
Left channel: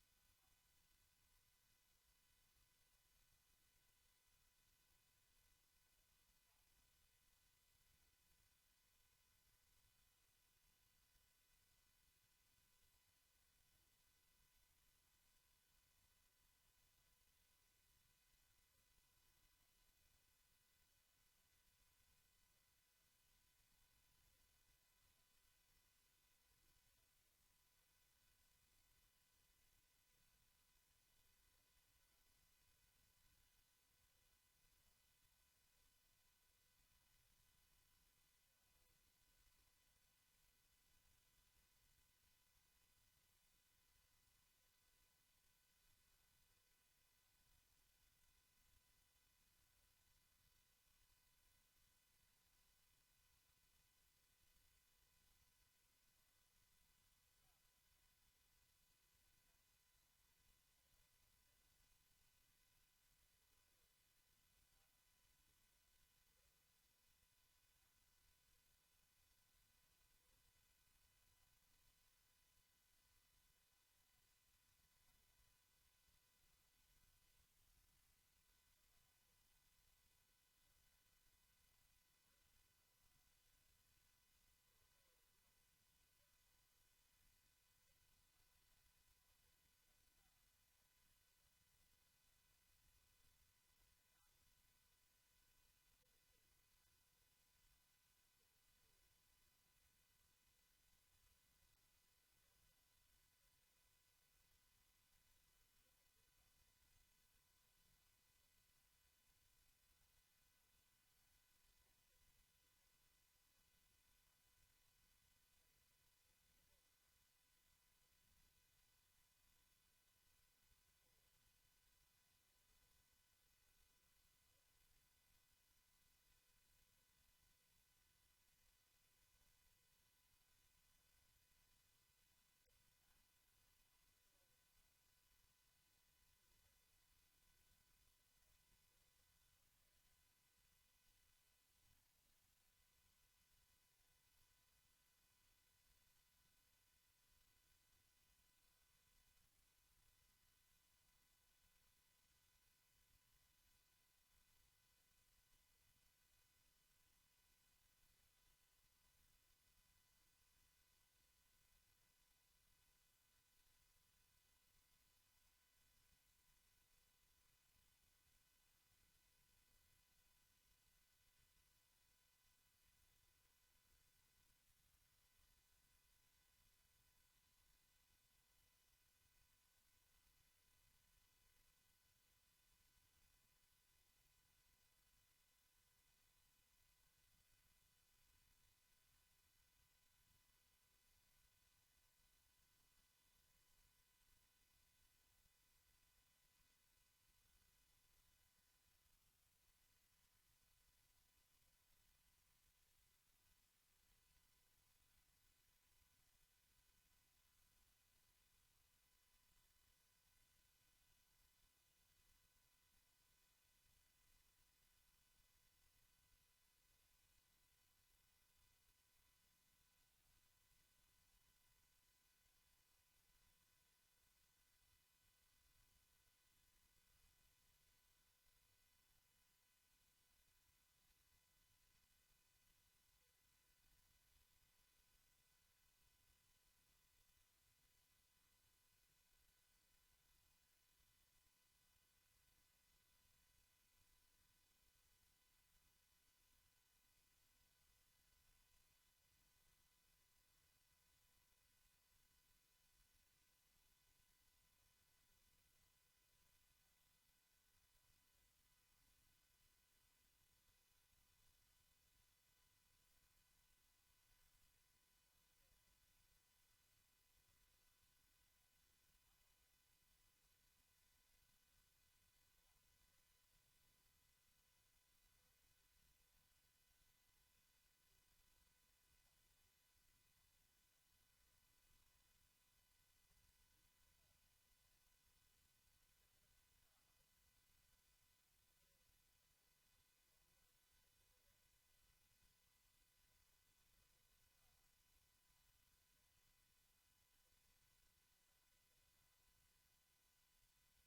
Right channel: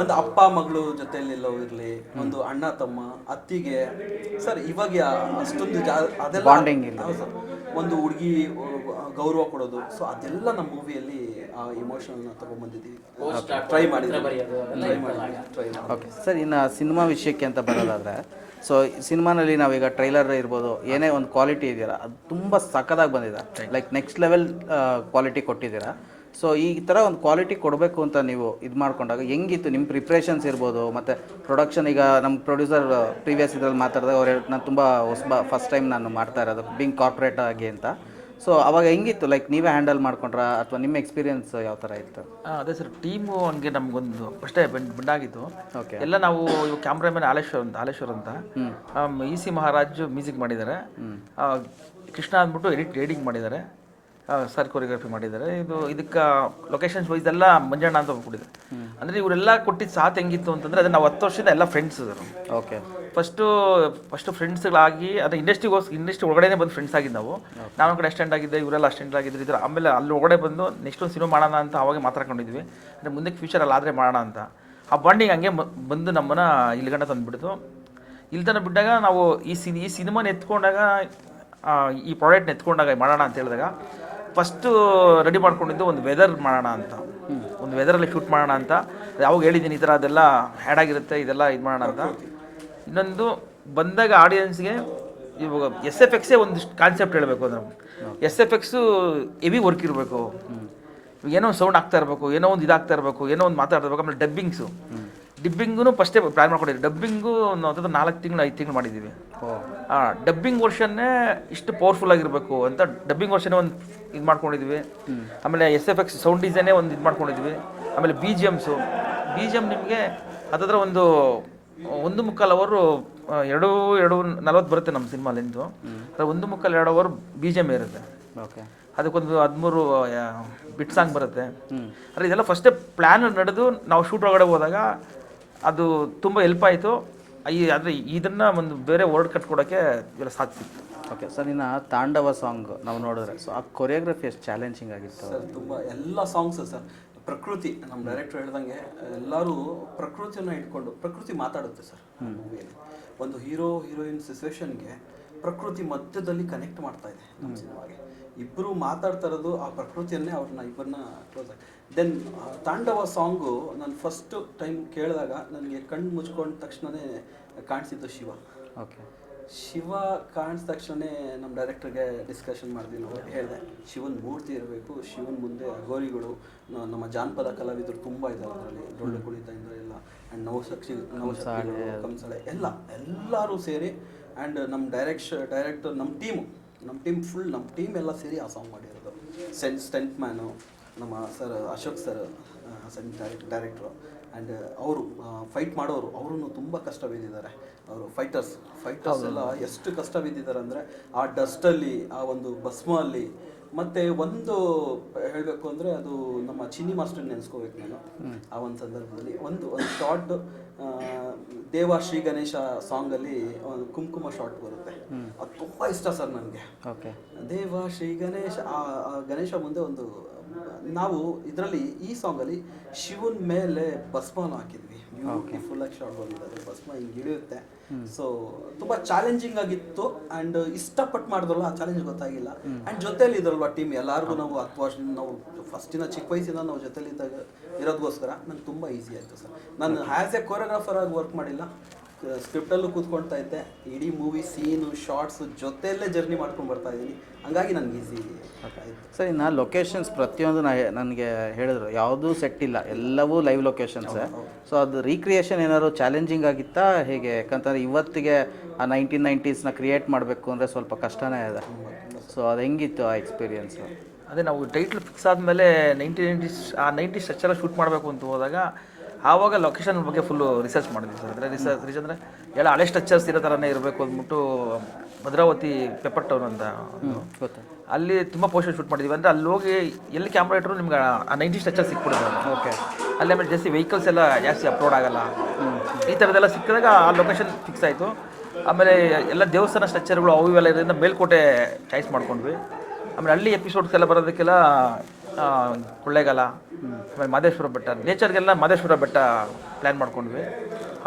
ಒಂದು ಅಪ್ಪ ಮಗಳು ಜೊತೆಯಲ್ಲಿ ಲವ್ ಇರಲಿ ಒಂದು ಅಣ್ಣ ತಮ್ಮ ಅತ್ತಿಗೆ ಸರ್ ಇವಾಗ ಅಷ್ಟೊಂದು ಜಾ ಅದೆಲ್ಲ ಬಾಂಡಿಂಗ್ ಇಲ್ಲ. ಸರ್. ಒಂದು ಹುಡುಗಿ ಗೌರವ ಕೊಡೋದು. ಸೊ ಅದೆಲ್ಲ ನಮ್ಮ ಮೂವಿಯಲ್ಲಿ ಆ ಇಮೋಷನ್ನ ತಗೊಂಡ್ಬಂದಿದ್ದೀವಿ. ಟ್ರೈ ಟ್ರೈ ಓಕೆ ಸರ್ ಇನ್ನು ಸಿನಿಮಾ ವಿಷಯಕ್ಕೆ ಅಂತ ಬರೋದಾದರೆ ಸೊ ಸಿನಿಮಾನಲ್ಲಿ ನಾವೀಗ ಟ್ರೈಲರ್ ಇರ್ಬೋದು ಏನೇ ಒಂದು ಕ್ವಾಲಿಟಿ ಇದೆಯಲ್ಲ ಅದು ತುಂಬ ಸಖತ್ತಾಗಿ ಬಂದಿದೆ. ಲೈಕ್ ನೆಕ್ಸ್ಟ್ ಲೆವೆಲ್ ಕ್ವಾಲಿಟಿ ಕೊಟ್ಟಿದ್ದೀರಾ. ಸೊ ಈ ಥರ ಒಂದು ಕ್ವಾಲಿಟಿ ಕೊಡಬೇಕು ಅಂತ ನೀವು ಇದು ಮಾಡ್ಕೊಂಡಾಗ ಹೆಂಗಿತ್ತು ನಿಮ್ಮ ಪ್ರಿಪ್ರೇಷನ್ಸ್ ಇರ್ಬೋದು ಮತ್ತು ಪ್ರೊಡಕ್ಷನ್ ಈಗ ನಮ್ಮ ಪ್ರೊಡ್ಯೂಸರ್ ಪ್ರೀವಿಯಸ್ ಇದ್ರಲ್ಲಿ ಮಾತಾಡಿದಾಗ ಅವ್ರು ನಾನು ತುಂಬ ಹೊಸಬ ಫಸ್ಟ್ ಟೈಮ್ ನಾನು ಮಾಡ್ತಾ ಇರೋದು ಬಿಂಗ್ ಕಾರ್ಪೊರೇಟ್ ಆಗಿ ಅಂತ. ಸೊ ಅವಾಗ ಹೆಂಗಿತ್ತು ಲೈಕ್ ನೀವೇ ಹ್ಯಾಂಡಲ್ ಮಾಡ್ಕೊಂಡ್ರಾ ಅಥವಾ ನಿಮ್ಮ ಎಕ್ಸ್ಪೀರಿಯನ್ಸ್ ಯಾವ ಥರ ಇತ್ತು? ಅದೇ ಸರ್ ಟೀಮು ಹಂಗೆ ನಮಗೊಂದು ಅಷ್ಟೇ ಬೆಂಡ್ ಬಂದಾಗಿತ್ತು. ಓಕೆ ಎಲ್ಲ ನಾವು ಇವು ಕ್ಯಾಮ್ರಾಮನ್ ಹಾಲೇಶ್ವರ್ ಅಂತ ಹಾಲೇಶ್ವರ್ ಅಂತ. ಇ ಸಿ ಮಹಾರಾಜ್ ಮ್ಯೂಸಿಕ್ ಮಾಡಿದ್ದಾರೆ. ಕೃಷ್ಣ ಅಂದ್ಬಿಟ್ಟು ಎಡಿಟ್ ಎಡಿಟಿಂಗ್ ಮಾಡಿದ್ದಾರೆ. ಸರ್ ಕೊರಿಯೋಗ್ರಫಿ ಮಾಡಿದ್ದಾರೆ. ಇದು ಇದಕ್ಕೆ ಲೊಕೇಶನ್ಸ್ ವೈಸ್ ಎಲ್ಲ ಮಂಜಣ್ಣ ಅಂತ ಕೊಟ್ಟಿದ್ದಾರೆ. ಅಂದರೆ ಇವರೆಲ್ಲ ಕೊಟ್ಟಿದ್ದು ಸಾಥ್ ಹೆಂಗಿತ್ತು ಅಂತಂದರೆ ಅದು ನಾವು ಹತ್ತು ವರ್ಷದ ಎಲ್ಲ ಫ್ರೆಂಡ್ಸ್ ಇದ್ದಾರೆ ಓಕೆ ಫಸ್ಟು ಫಸ್ಟು ಫ್ರೆಂಡ್ಸ್ಗಳಾಗಿ ಅದು ಇಂಡಸ್ಟ್ರಿಗೋಸ್ ಇಂಡಸ್ಟ್ರಿ ಒಳಗಡೆ ಬಂದು ಫ್ರೆಂಡ್ಸ್ ಆಗಿದ್ದು ನಾವು. ನಾನು ಕಡೆ ಅಸ್ಟೆಂಡ್ ಆಗಿದ್ದೆ ಇವರೆಲ್ಲ ಅಸ್ಟೆಂಡ್ ಆಗಿದ್ರು ಇದ್ರ ಆಮೇಲೆ ಅಲ್ಲಿ ಒಳಗಡೆ ಬಂದು ನೆಕ್ಸ್ಟ್ ಒಂದು ಸಿನಿಮಾ ಮಾಡೋಣ ಅಂತ ಅವಾಗೆ ಮಾತಾಡ್ಕೊಂಡಿದ್ವಿ ಅಂದರೆ ಮುಂದಕ್ಕೆ ಫ್ಯೂಚರಲ್ಲಿ ಆದರೆ ಮಾಡೋಣ ಅಂತ. ಆ ಬಾಂಡಿಂಗ್ ಹಂಗೆ ಬಂದು ನಮ್ಮನ್ನು ಇಲ್ಲಿ ಗಂಟ ತಂದುಬಿಡ್ತು. ಇಲ್ಲಿ ತನಕ ಬಿಟ್ಟಾಗ ನಾವು ಈ ಸಿನಿ ಈ ಸಿನಿಮಾನ ಎತ್ಕೊಂಡಾಗ ಈ ಪ್ರಾಡಕ್ಟ್ನ ಎತ್ಕೊಂಡಾಗ ಮಾಡೋಣ ಅಂತ ಹೇಳಿದಾಗ ಫಸ್ಟು ರೆಡಿ ಮಾಡ್ಕೊಂಡಿದ್ದು ಒಂದು ವೆದರ್ ಮಾಡೋಣ ಅಂತ. ಒಂದು ವೆದರಲ್ಲಿ ಶೂಟ್ ಮಾಡೋಣ ಅಂತ. ಯಾವಾಗ ಹೇಳಿದ್ದೀನಿ ಈ ಥರ ಅದೆಲ್ಲ ಹ್ಯಾಡ್ ಆಗಿರುತ್ತೆ, ಇದೆಲ್ಲ ಇದು ಮಾಡೋಣ ಅಂತ. ಇನ್ನೊಂದು ಬಂದಾಗ ಆಡಿಯನ್ಸ್ಗೆ ಇವಾಗ ಎಸ್ ಎಫ್ ಎಕ್ಸೇ ಒಂದಿಷ್ಟು ಕಾನ್ಸೆಪ್ಟ್ ಹೇಳಬೇಕು ಅಂದ್ರೆ. S F X heavy work ಇರಬೇಕು. ಏನೋ ಒಂದು ಸೌಂಡ್ ಆಗ್ತಾ ಇರಬೇಕು, ಏನೋ ಒಂದು ಇದಾಗ್ತಾ ಇರಬೇಕು, ಏನೋ ಒಂದು ಮಾತಾಡ್ತಾ ಇರಬೇಕು, ಆಮೇಲೆ ಡಬ್ಬಿಂಗ್ಸು ಡಿಬ್ಬಿಂಗೂ ಫಸ್ಟೇ ಪ್ಲ್ಯಾನ್ ಮಾಡ್ಕೊಂಡಿದ್ವಿ ಡಬ್ಬಿಂಗು ನಾವು ನಾಲ್ಕು ತಿಂಗಳು ಐದು ತಿಂಗಳು ಮಾಡಿದ್ದೀವಿ ಡಬ್ಬಿಂಗ್ ವರ್ಷನ್ನೇ ಇಷ್ಟು ಪವರ್ಫುಲ್ ಆಗಿರಬೇಕು ಅಂತ ಡಬ್ಬಿಂಗ್ ವರ್ಷನ್ನೇ ಒಂದು ಇದು ಮಾಡ್ಕೊಂಡಿದ್ವಿ. ಆಮೇಲೆ ಎಸ್ ಎಫ್ ಎಕ್ಸ್ ಸೌಂಡ್ ಡಿಸೈನೇ ಒಂದು ಇದು ಮಾಡ್ಕೊಂಡಿದ್ವಿ. ಆಮೇಲೆ B G Ms B G M ನಿಮಗೆ ಅದರ ಒಂದು ಒಂದು ಮುಕ್ಕಾಲು ಅವರು ಎರಡು ಎರಡು ನಲ್ವತ್ತು ಬರುತ್ತೆ ನಮ್ಮ ಸಿನಿಮಾಲಿಂದು ಅದು ಅದ್ರ ಒಂದು ಮುಕ್ಕಾಲು ಎರಡು ಅವರ್ ಬಿ ಜಿ ಎಂ ಇರುತ್ತೆ. ಓಕೆ. ಅದಕ್ಕೊಂದು ಹದಿಮೂರು ಬಿಟ್ ಸಾಂಗ್ ಬರುತ್ತೆ. ಅಂದರೆ ಇದೆಲ್ಲ ಫಸ್ಟೇ ಪ್ಲ್ಯಾನ್ ನಡೆದು ನಾವು ಶೂಟ್ ಒಳಗಡೆ ಹೋದಾಗ ಅದು ತುಂಬ ಹೆಲ್ಪ್ ಆಯಿತು. ಈ ಅಂದರೆ ಇದನ್ನು ಒಂದು ಬೇರೆ ವರ್ಡ್ ಕಟ್ಕೊಡೋಕ್ಕೆ ಇವೆಲ್ಲ ಸಾಕ್ತಿತ್ತು ಸಿಕ್ತು ಓಕೆ ಸರ್ ಇನ್ನು ತಾಂಡವ ಸಾಂಗ್ ನಾವು ನೋಡಿದ್ರೆ. ಸೊ ಆ ಕೊರಿಯೋಗ್ರಫಿ ಎಷ್ಟು ಚಾಲೆಂಜಿಂಗ್ ಆಗಿತ್ತು? ಸರ್ ತುಂಬ ಎಲ್ಲ ಸಾಂಗ್ಸ್ ಸರ್ ಪ್ರಕೃತಿ ನಮ್ಮ ಡೈರೆಕ್ಟರ್ ಹೇಳ್ದಂಗೆ ಎಲ್ಲರೂ ಪ್ರಕೃತಿಯನ್ನು ಇಟ್ಕೊಂಡು ಪ್ರಕೃತಿ ಮಾತಾಡುತ್ತೆ ಸರ್ ಮೂವಿಯಲ್ಲಿ. ಒಂದು ಹೀರೋ ಹೀರೋಯಿನ್ ಸಿಚುವೇಶನ್ಗೆ ಪ್ರಕೃತಿ ಮಧ್ಯದಲ್ಲಿ ಕನೆಕ್ಟ್ ಮಾಡ್ತಾ ಇದೆ ನಮ್ಮ ಸಿನಿಮಾಗೆ ಇಬ್ಬರು ಮಾತಾಡ್ತಾ ಇರೋದು ಆ ಪ್ರಕೃತಿಯನ್ನೇ ಅವ್ರನ್ನ ಇಬ್ಬರನ್ನ ಕ್ಲೋಸ್ ಆಗಿ ದೆನ್ ತಾಂಡವ ಸಾಂಗು ನಾನು ಫಸ್ಟ್ ಟೈಮ್ ಕೇಳಿದಾಗ ನನಗೆ ಕಣ್ಣು ಮುಚ್ಕೊಂಡ ತಕ್ಷಣವೇ ಕಾಣಿಸಿದ್ದು ಶಿವ. ಓಕೆ ಶಿವ ಕಾಣಿದ ತಕ್ಷಣನೇ ನಮ್ಮ ಡೈರೆಕ್ಟರ್ಗೆ ಡಿಸ್ಕಷನ್ ಮಾಡಿದ್ವಿ ನಾವು ಹೇಳಿದೆ. ಶಿವನ ಮೂರ್ತಿ ಇರಬೇಕು ಶಿವನ ಮುಂದೆ ಅಗೋರಿಗಳು ನಮ್ಮ ಜಾನಪದ ಕಲಾವಿದರು ತುಂಬ ಇದ್ದಾರೆ ಅದರಲ್ಲಿ. ಡೊಳ್ಳು ಕುಣಿತದಿಂದ ಎಲ್ಲ ಆ್ಯಂಡ್ ನವಶಕ್ತಿ ನವಶಕ್ತಿಗಳು ಕಂಸಳೆ ಎಲ್ಲ ಎಲ್ಲರೂ ಸೇರಿ ಆ್ಯಂಡ್ ನಮ್ಮ ಡೈರೆಕ್ಷ ಡೈರೆಕ್ಟರ್ ನಮ್ಮ ಟೀಮು ನಮ್ಮ ಟೀಮ್ ಫುಲ್ ನಮ್ಮ ಟೀಮ್ ಎಲ್ಲ ಸೇರಿ ಆ ಸಾಂಗ್ ಮಾಡಿರೋದು. ಸೆಂಟ್ ಸ್ಟೆಂಟ್ ಮ್ಯಾನು ನಮ್ಮ ಸರ್ ಅಶೋಕ್ ಸರ್ ಸಂಗೀತ ಡೈರೆಕ್ಟ್ ಡೈರೆಕ್ಟ್ರು ಆ್ಯಂಡ್ ಅವರು ಫೈಟ್ ಮಾಡೋರು ಅವರು ತುಂಬ ಕಷ್ಟ ಬಿದ್ದಿದ್ದಾರೆ ಅವರು ಫೈಟರ್ಸ್ ಫೈಟರ್ಸ್ ಎಲ್ಲ ಎಷ್ಟು ಕಷ್ಟ ಬಿದ್ದಿದ್ದಾರೆ ಅಂದರೆ ಆ ಡಸ್ಟಲ್ಲಿ ಆ ಒಂದು ಭಸ್ಮಲ್ಲಿ ಮತ್ತೆ ಒಂದು ಹೇಳಬೇಕು ಅಂದರೆ ಅದು ನಮ್ಮ ಚಿನ್ನಿ ಮಾಸ್ಟರ್ ನೆನೆಸ್ಕೋಬೇಕು ನಾನು. ಆ ಒಂದು ಸಂದರ್ಭದಲ್ಲಿ ಒಂದು ಒಂದು ಶಾರ್ಟ್ ದೇವ ಶ್ರೀ ಗಣೇಶ ಸಾಂಗಲ್ಲಿ ಒಂದು ಕುಂಕುಮ ಶಾರ್ಟ್ ಬರುತ್ತೆ. ಅದು ತುಂಬ ಇಷ್ಟ ಸರ್ ನನಗೆ. ಓಕೆ. ದೇವ ಶ್ರೀ ಗಣೇಶ ಆ ಗಣೇಶ ಮುಂದೆ ಒಂದು ನಾವು ಇದರಲ್ಲಿ ಈ ಸಾಂಗಲ್ಲಿ ಶಿವನ್ ಮೇಲೆ ಭಸ್ಮನ ಹಾಕಿದ್ವಿ. ಫುಲ್ ಆಗಿ ಶಾರ್ಟ್ ಬಂದಿದ್ದಾರೆ. ಭಸ್ಮ ಹಿಂಗೆ ಇಳಿಯುತ್ತೆ. ಸೊ ತುಂಬಾ ಚಾಲೆಂಜಿಂಗ್ ಆಗಿತ್ತು ಅಂಡ್ ಇಷ್ಟಪಟ್ಟು ಮಾಡಿದ್ರಲ್ಲ ಆ ಚಾಲೆಂಜ್ ಗೊತ್ತಾಗಿಲ್ಲ. ಅಂಡ್ ಜೊತೆಲಿ ಇದ್ರಲ್ವ ಟೀಮ್ ಎಲ್ಲಾರ್ಗು ನಾವು ಹತ್ತು ವರ್ಷ ನಾವು ಫಸ್ಟಿನ ಚಿಕ್ಕ ವಯಸ್ಸಿಂದ ನಾವು ಜೊತೆಲಿ ಇದ್ದಾಗ ಇರೋದಕ್ಕೋಸ್ಕರ ನಂಗೆ ತುಂಬಾ ಈಸಿ ಆಯಿತು ಸರ್. ನಾನು ಆ್ಯಸ್ ಎ ಕೊರಿಯೋಗ್ರಾಫರ್ ಆಗಿ ವರ್ಕ್ ಮಾಡಿಲ್ಲ. ಸ್ಕ್ರಿಪ್ಟಲ್ಲೂ ಕೂತ್ಕೊಳ್ತಾ ಇದ್ದೆ. ಇಡೀ ಮೂವಿ ಸೀನು ಶಾರ್ಟ್ಸ್ ಜೊತೆಯಲ್ಲೇ ಜರ್ನಿ ಮಾಡ್ಕೊಂಡು ಬರ್ತಾ ಇದ್ದೀನಿ. ಹಂಗಾಗಿ ನನಗೆ ಈಸಿ ಸರ್ ಇನ್ನು ಲೊಕೇಶನ್ಸ್ ಪ್ರತಿಯೊಂದು ನಾ ನನಗೆ ಹೇಳಿದ್ರು. ಯಾವುದೂ ಸೆಟ್ ಇಲ್ಲ. ಎಲ್ಲವೂ ಲೈವ್ ಲೊಕೇಶನ್ಸೇ ಸೊ ಅದು ರೀಕ್ರಿಯೇಷನ್ ಏನಾದ್ರು ಚಾಲೆಂಜಿಂಗ್ ಆಗಿತ್ತಾ? ಹೇಗೆ? ಯಾಕಂತಂದ್ರೆ ಇವತ್ತಿಗೆ ಆ ನೈನ್ಟೀನ್ ನೈಂಟೀಸ್ನ ಕ್ರಿಯೇಟ್ ಮಾಡಬೇಕು ಅಂದರೆ ಸ್ವಲ್ಪ ಕಷ್ಟನೇ ಇದೆ. ಸೊ ಅದು ಹೆಂಗಿತ್ತು ಆ ಎಕ್ಸ್ಪೀರಿಯೆನ್ಸ್ ಅದೇ ನಾವು ಟೈಟ್ಲ್ ಫಿಕ್ಸ್ ಆದಮೇಲೆ ನೈಂಟಿ ನೈಂಟೀಸ್ ಆ ನೈಂಟಿ ಸ್ಟ್ರಕ್ಚರ ಶೂಟ್ ಮಾಡಬೇಕು ಅಂತ ಹೋದಾಗ ಆವಾಗ ಲೊಕೇಶನ್ ಬಗ್ಗೆ ಫುಲ್ಲು ರಿಸರ್ಚ್ ಮಾಡಿದ್ವಿ ಸರ್ ಅಂದರೆ ರಿಸರ್ಚ್ ರಿಸರ್ಚ್ ಅಂದರೆ ಎಲ್ಲ ಹಳೆ ಸ್ಟ್ರಕ್ಚರ್ಸ್ ಇರೋ ಥರನೇ ಇರಬೇಕು ಅಂದ್ಬಿಟ್ಟು ಭದ್ರಾವತಿ ಪೆಪ್ಪರ್ ಟೌನ್ ಅಂತ. ಗೊತ್ತಾ. ಅಲ್ಲಿ ತುಂಬ ಪೋಸ್ಟರ್ ಶೂಟ್ ಮಾಡಿದ್ವಿ. ಅಂದರೆ ಅಲ್ಲಿ ಹೋಗಿ ಎಲ್ಲಿ ಕ್ಯಾಮ್ರಾ ಇಟ್ಟರು ನಿಮ್ಗೆ ಆ ನೈಂಟಿ ಸ್ಟ್ರಕ್ಚರ್ ಸಿಕ್ಬಿಡುತ್ತೆ. ಓಕೆ ಅಲ್ಲಿ ಆಮೇಲೆ ಜಾಸ್ತಿ ವೆಹಿಕಲ್ಸ್ ಎಲ್ಲ ಜಾಸ್ತಿ ಅಪ್ಲೋಡ್ ಆಗಲ್ಲ. ಈ ಥರದ್ದೆಲ್ಲ ಸಿಕ್ಕಿದಾಗ ಆ ಲೊಕೇಶನ್ ಫಿಕ್ಸ್ ಆಯಿತು. ಆಮೇಲೆ ಎಲ್ಲ ದೇವಸ್ಥಾನ ಸ್ಟ್ರಕ್ಚರ್ಗಳು ಅವು ಇವೆಲ್ಲ ಇದರಿಂದ ಮೇಲ್ಕೋಟೆ ಚಾಯ್ಸ್ ಮಾಡ್ಕೊಂಡ್ವಿ. ಆಮೇಲೆ ಹಳ್ಳಿ ಎಪಿಸೋಡ್ಸ್ ಎಲ್ಲ ಬರೋದಕ್ಕೆಲ್ಲ ಕೊಳ್ಳೇಗಾಲ ಆಮೇಲೆ ಮಾದೇಶ್ವರ ಬೆಟ್ಟ ನೇಚರ್ಗೆಲ್ಲ ಮಾದೇಶ್ವರ ಬೆಟ್ಟ ಪ್ಲ್ಯಾನ್ ಮಾಡ್ಕೊಂಡ್ವಿ.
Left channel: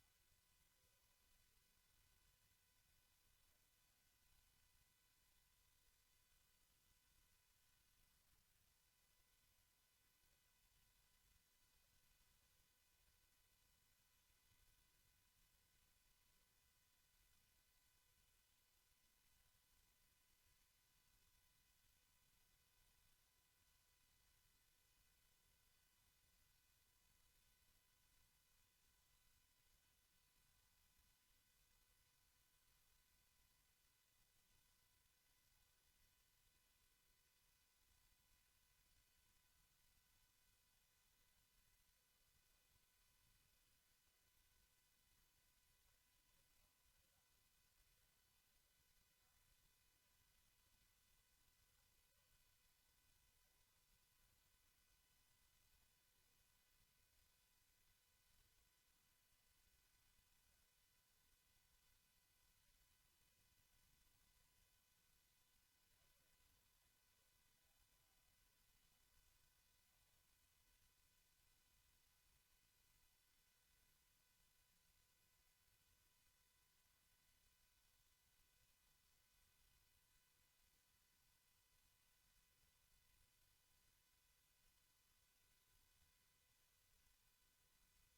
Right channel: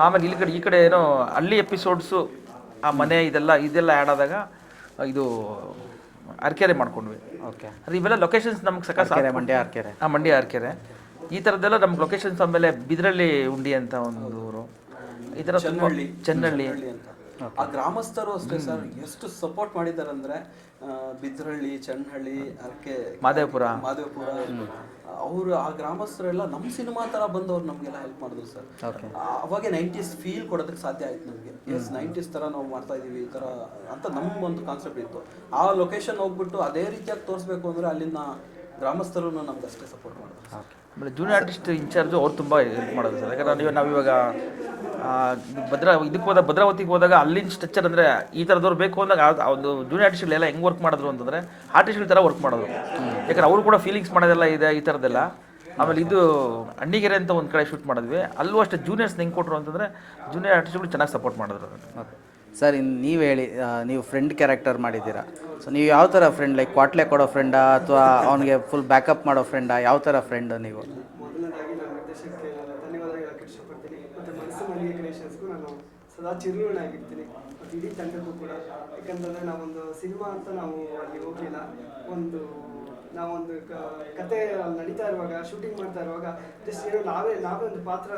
ಆಮೇಲೆ ಇಲ್ಲಿ ಕಡೆ ಈ ಕಡೆ ಏನೋ ಹಳ್ಳಿ ಎಪಿಸೋಡ್ಸು ಆ ಮನೆ ಇದೆಲ್ಲ ಇದೆಲ್ಲ ಆ್ಯಡ್ ಆದಾಗ ಇದು ಅರ್ಕೆರೆ ಮಾಡ್ಕೊಂಡ್ವಿ. ಓಕೆ ಅದು ಇವೆಲ್ಲ ಲೊಕೇಶನ್ಸ್ ನಮ್ಗೆ ಸಕ ಮಂಡ್ಯ ಅರ್ಕೆರೆ. ಆ ಮಂಡ್ಯ ಅರ್ಕೆರೆ. ಈ ಥರದ್ದೆಲ್ಲ ನಮ್ಗೆ ಲೊಕೇಶನ್ಸ್ ಆಮೇಲೆ ಬಿದ್ರಳ್ಳಿ ಉಂಡಿ ಅಂತ ಒಂದು ಊರು. ಈ ಥರ ತುಂಬ ಅಂತ. ಆ ಗ್ರಾಮಸ್ಥರು ಅಷ್ಟೇ ಸರ್. ಎಷ್ಟು ಸಪೋರ್ಟ್ ಮಾಡಿದ್ದಾರೆ ಅಂದ್ರೆ ಬಿದ್ರಹಳ್ಳಿ ಚನ್ನಹಳ್ಳಿ ಅದಕ್ಕೆ ಮಾದೇವಪುರ. ಮಾದೇವಪುರ. ಅವರು ಆ ಗ್ರಾಮಸ್ಥರೆಲ್ಲ ನಮ್ಮ ಸಿನಿಮಾ ತರ ಬಂದವ್ರು ನಮಗೆಲ್ಲ ಹೆಲ್ಪ್ ಮಾಡಿದ್ರು ಸರ್. ಅವಾಗ ನೈಂಟೀಸ್ ಫೀಲ್ ಕೊಡೋದಕ್ಕೆ ಸಾಧ್ಯ ಆಯ್ತು ನಮಗೆ. ಎಸ್ ನೈಂಟೀಸ್ ತರ ನಾವು ಮಾಡ್ತಾ ಇದೀವಿ ಈ ತರ ಅಂತ ನಮ್ಮ ಒಂದು ಕಾನ್ಸೆಪ್ಟ್ ಇತ್ತು. ಆ ಲೊಕೇಶನ್ ಹೋಗ್ಬಿಟ್ಟು ಅದೇ ರೀತಿಯಾಗಿ ತೋರಿಸ್ಬೇಕು ಅಂದ್ರೆ ಅಲ್ಲಿನ ಗ್ರಾಮಸ್ಥರು ನಮ್ಗೆ ಅಷ್ಟೇ ಸಪೋರ್ಟ್ ಮಾಡಿದ್ರು ಆಮೇಲೆ ಜೂನಿಯರ್ ಆರ್ಟಿಸ್ಟ್ ಇನ್ಚಾರ್ಜು ಅವ್ರು ತುಂಬ ಹೆಲ್ಪ್ ಮಾಡೋದು ಸರ್. ಯಾಕಂದ್ರೆ ನೀವು ನಾವಿವಾಗ ಭದ್ರ ಇದಕ್ಕೆ ಹೋದಾಗ ಭದ್ರಾವತಿಗೆ ಹೋದಾಗ ಅಲ್ಲಿನ ಸ್ಟ್ರಕ್ಚರ್ ಅಂದರೆ ಈ ಥರದವ್ರು ಬೇಕು ಅಂದಾಗ ಒಂದು ಜೂನಿಯರ್ ಆರ್ಟಿಸ್ಟ್ಗಳೆಲ್ಲ ಹೆಂಗೆ ವರ್ಕ್ ಮಾಡಿದ್ರು ಅಂತಂದರೆ ಆರ್ಟಿಸ್ಟ್ಗಳ ಥರ ವರ್ಕ್ ಮಾಡೋದು ಯಾಕಂದ್ರೆ ಅವರು ಕೂಡ ಫೀಲಿಂಗ್ಸ್ ಮಾಡೋದೆಲ್ಲ ಇದೆ, ಈ ಥರದ್ದೆಲ್ಲ ಆಮೇಲೆ ಇದು ಅಣ್ಣಿಗೆರೆ ಅಂತ ಒಂದು ಕಡೆ ಶೂಟ್ ಮಾಡಿದ್ವಿ. ಅಲ್ಲೂ ಅಷ್ಟೇ ಜೂನಿಯರ್ಸ್ ಹೆಂಗೆ ಕೊಟ್ಟರು ಅಂತಂದರೆ ಜೂನಿಯರ್ ಆರ್ಟಿಸ್ಟ್ಗಳು ಚೆನ್ನಾಗಿ ಸಪೋರ್ಟ್ ಮಾಡಿದ್ರು ಸರ್ ಇನ್ನು ನೀವು ಹೇಳಿ ನೀವು ಫ್ರೆಂಡ್ ಕ್ಯಾರೆಕ್ಟರ್ ಮಾಡಿದ್ದೀರಾ? ಸೊ ನೀವು ಯಾವ ಥರ ಫ್ರೆಂಡ್ ಲೈಕ್ ಕ್ವಾಟ್ಲೆ ಕೊಡೋ ಫ್ರೆಂಡಾ ಅಥವಾ ಅವನಿಗೆ ಫುಲ್ ಬ್ಯಾಕಪ್ ಮಾಡೋ ಫ್ರೆಂಡಾ ಯಾವ ಥರ ಫ್ರೆಂಡ್ ನೀವು? ಸದಾ ಮತ್ತು ಇಡೀ ತಂಡಕ್ಕೂ ಕೂಡ. ಯಾಕಂತಂದರೆ ನಾವೊಂದು ಸಿನಿಮಾ ಅಂತ ನಾವು ಅಲ್ಲಿ ಹೋಗಲಿಲ್ಲ. ಒಂದು ನಾವೊಂದು ಕತೆ ನಡೀತಾ ಇರುವಾಗ ಶೂಟಿಂಗ್ ಮಾಡ್ತಾ ಇರುವಾಗ ಜಸ್ಟ್ ಏನೋ ನಾವೇ ನಾವೇ ಒಂದು ಪಾತ್ರ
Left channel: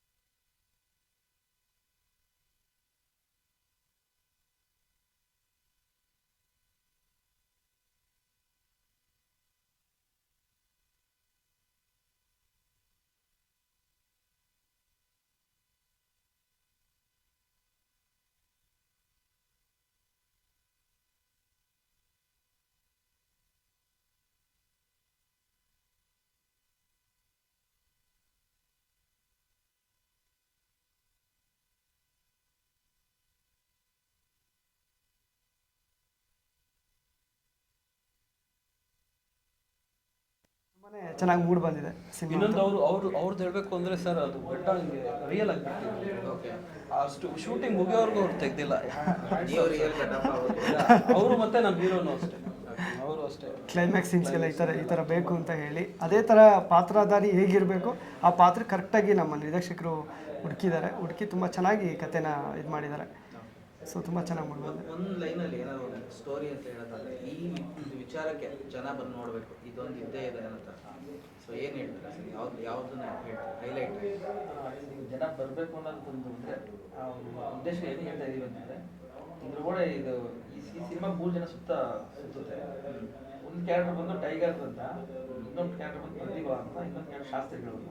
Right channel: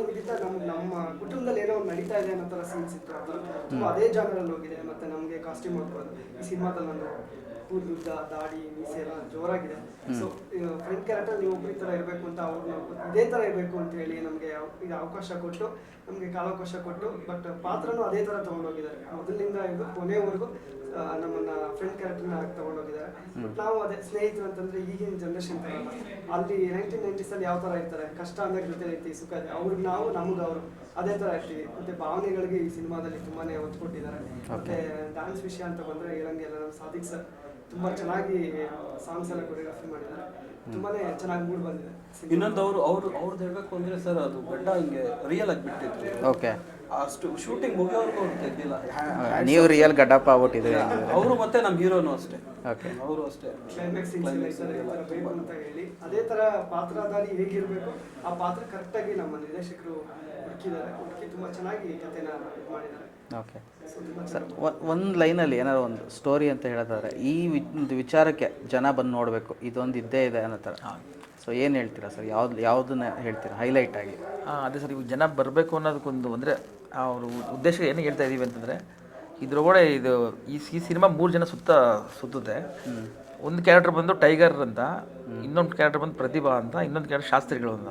ಹೋಗಿದ್ದ ನಮ್ಮ ನಮ್ಮ ಕುಟುಂಬದಲ್ಲಿ ಏನೋ ಒಂದು ನಡೀತಾ ಇದೆ ಅನ್ನೋ ಥರ ಸೀನ್ಸ್ ಇತ್ತು. ಅದು ಅದೇ ಜಾಗದಲ್ಲಿ ಹೋಗಿದೆ. ಮತ್ತೆ ನಮಗೆ ಕಾಸ್ಟ್ಯೂಮ್ ಹಾಕೋದು ಈ ಸಿನಿಮಾದಲ್ಲಿ ನಾನು ಕೂದಲುದ್ದ ದಾಡಿ ಮೀಸೆ ಎಲ್ಲ ಜೋರಾಗಿದೆ. ಸೊ ಫ್ರೆಂಡ್ ಕ್ಯಾರೆಕ್ಟರ್ ನೀವು ಒಬ್ಬರ ತರ ಇರಬೇಕು ಅಂತ ಅವ್ರು ಇದೇ ಥರ ಇರಬೇಕು ಅಂತ ಹೇಳಿ ನಮಗೆ ಇದು ಅವಕಾಶ ಕೊಟ್ಟು ನಮಗೆ ಕಾಲಾವಕಾಶ ಕೊಟ್ಟು ಬಟ್ ಪಾತ್ರನೂ ಅದೇ ತರ ತೊಗೊಂಡೋಗಿದ್ದಾರೆ. ಮೊದಲಿನಿಂದ ಇದು ಕೊನೆವರೆಗೂ ನಮ್ಮನ್ನ ಫ್ರೆಂಡ್ ಕ್ಯಾರೆಕ್ಟರ್ನ ತೊಗೊಂಡೋಗಿದ್ದಾರೆ. ಬಟ್ ನಾವು ಅದೇ ಸ್ನೇಹಿತರು ಅಂತಂದ್ರೆ ಈಗಿನ ಜನ್ರೇಷನ್ ಥರ ಅಲ್ಲ. ಅಲ್ಲಿ ನೈನ್ಟೀನ್ ನೈಂಟೀಸಲ್ಲಿ ಯಾವ ತರ ಇರ್ತಾರೆ? ಕಷ್ಟ ಅಂದಾಗ ಜೊತೆ ಐತಿ ಸುಖ ಇದೆ. ಅವ್ರಿಗೆ ನಾವು ನಮ್ಗೆ ಅವರು ಅದೇ ತರ ಇರ್ತೀವಿ. ಮತ್ತೆ ಭಾವನೆಗಳಿಗೆ ಈ ಸಿನಿಮಾದಲ್ಲಿ ತುಂಬಾನೇ ಒತ್ತು ಕೊಟ್ಟಿದ್ದಾರೆ. ಮತ್ತೆ ಡ್ಯಾನ್ಸ್ ವಿಷಯ ಅಂತ ಬಂದ್ರೆ ಹೇಳಂಗೆಲ್ಲ ನಮ್ಮ ಸಾಧಿಕ್ ಸರ್. ತುಂಬಾ ಚೆನ್ನಾಗಿ ಸಾಂಗ್ಸ್ ಎಲ್ಲ ಕೊರಿಯೋಗ್ರಫಿ ಮಾಡಿದ್ದಾರೆ. ತುಂಬಾನೇ ಚೆನ್ನಾಗಿ ಮೂಡ್ ಬಂದಿದೆ ಇನ್ನೊಂದು ಅವರು ಅವ್ರು ಅವ್ರದ್ದು ಹೇಳ್ಬೇಕು ಅಂದ್ರೆ ಸರ್ ಅದು ಬೆಟ್ಟ ಹಿಂಗೆ ರಿಯಲ್ ಆಗಿ ಬಿಟ್ಟಿದ್ರು. ಓಕೆ. ಅಷ್ಟು ಶೂಟಿಂಗ್ ಮುಗಿಯೋರ್ಗೂ ಅವ್ರು ತೆಗ್ದಿಲ್ಲ. ನೀವು ರಿಯಲ್ ಗಡ್ಡಪ್ಪ ಆಗ್ಬಿಟ್ಟಿದ್ದೀರಾ? ಅವರು ಮತ್ತೆ ನಮ್ಮ ಹೀರೋನು ಅಷ್ಟೇ. ಅವರು ಅಷ್ಟೇ. ಕ್ಲೈಮ್ಯಾಕ್ಸ್ ಸೀನ್ಸ್ ಎಲ್ಲ ಈ ಥರ ಈ ಥರ ಬೇಕು ಅಂತ ಹೇಳಿ ಅದೇ ಥರ ಪಾತ್ರಧಾರಿ ಹೇಗಿರಬೇಕು ಆ ಪಾತ್ರ ಕರೆಕ್ಟಾಗಿ ನಮ್ಮ ನಿರ್ದೇಶಕರು ಹುಡುಕಿದ್ದಾರೆ. ಹುಡುಕಿ ತುಂಬ ಚೆನ್ನಾಗಿ ಕಥೆನ ಇದು ಮಾಡಿದ್ದಾರೆ. ಓಕೆ ಸೊ ತುಂಬ ಚೆನ್ನಾಗಿ ಒಂದು ಲೈನಲ್ಲಿ ಏನಾದ್ರು ಒಂದು ಸ್ಟೋರಿ ಅಂತ ಹೇಳೋದಾದ್ರೆ ಈ ವಿ- ಒಂದು ವಿಚಾರಕ್ಕೆ ಜನ ಬಂದು ನೋಡಬೇಕು ಇದೊಂದು ಇದ್ದೇ ಇದೆ ಅನ್ನೋ ಥರ. ಸೊ ಏನು ಹೇಳ್ತೀರಾ ಸರ್? ಯಾವ್ದು ಯಾವುದನ್ನ ಹೇಳ್ತೀರಾ? ಹೈಲೈಟ್ ಆಗಿ. ಅದೇ ಸರ್ ಇವಾಗ ಜನ ಬರಬೇಕು ಅನ್ನೋದಕ್ಕೊಂದು ಅಂದರೆ ಅವರು ಉದ್ದೇಶ ಏನು ಹೇಳ್ತಾ ಇದ್ದೀವಿ ಅಂತಂದರೆ ಇದ್ರೊಳಗಡೆ ಇದು ಈ ಈ ಸಿನಿಮಾ ಮೂರು ಜನ ಸುತ್ತ ಸುತ್ತುತ್ತೆ. ಒಂದು ಕ್ಯಾರೆಕ್ಟರ್ ಬಂದು ಟೈಗರ್ ಅಂತ ಇನ್ನೊಂದು ಕ್ಯಾರೆಕ್ಟರ್ ಬಂದು ಪ್ರತಿಭಾ ಅಂತ ಇನ್ನೊಂದು ಕ್ಯಾರೆಕ್ಟರ್ ಶಾಸ್ತ್ರಿಗಳು ಅಂತ.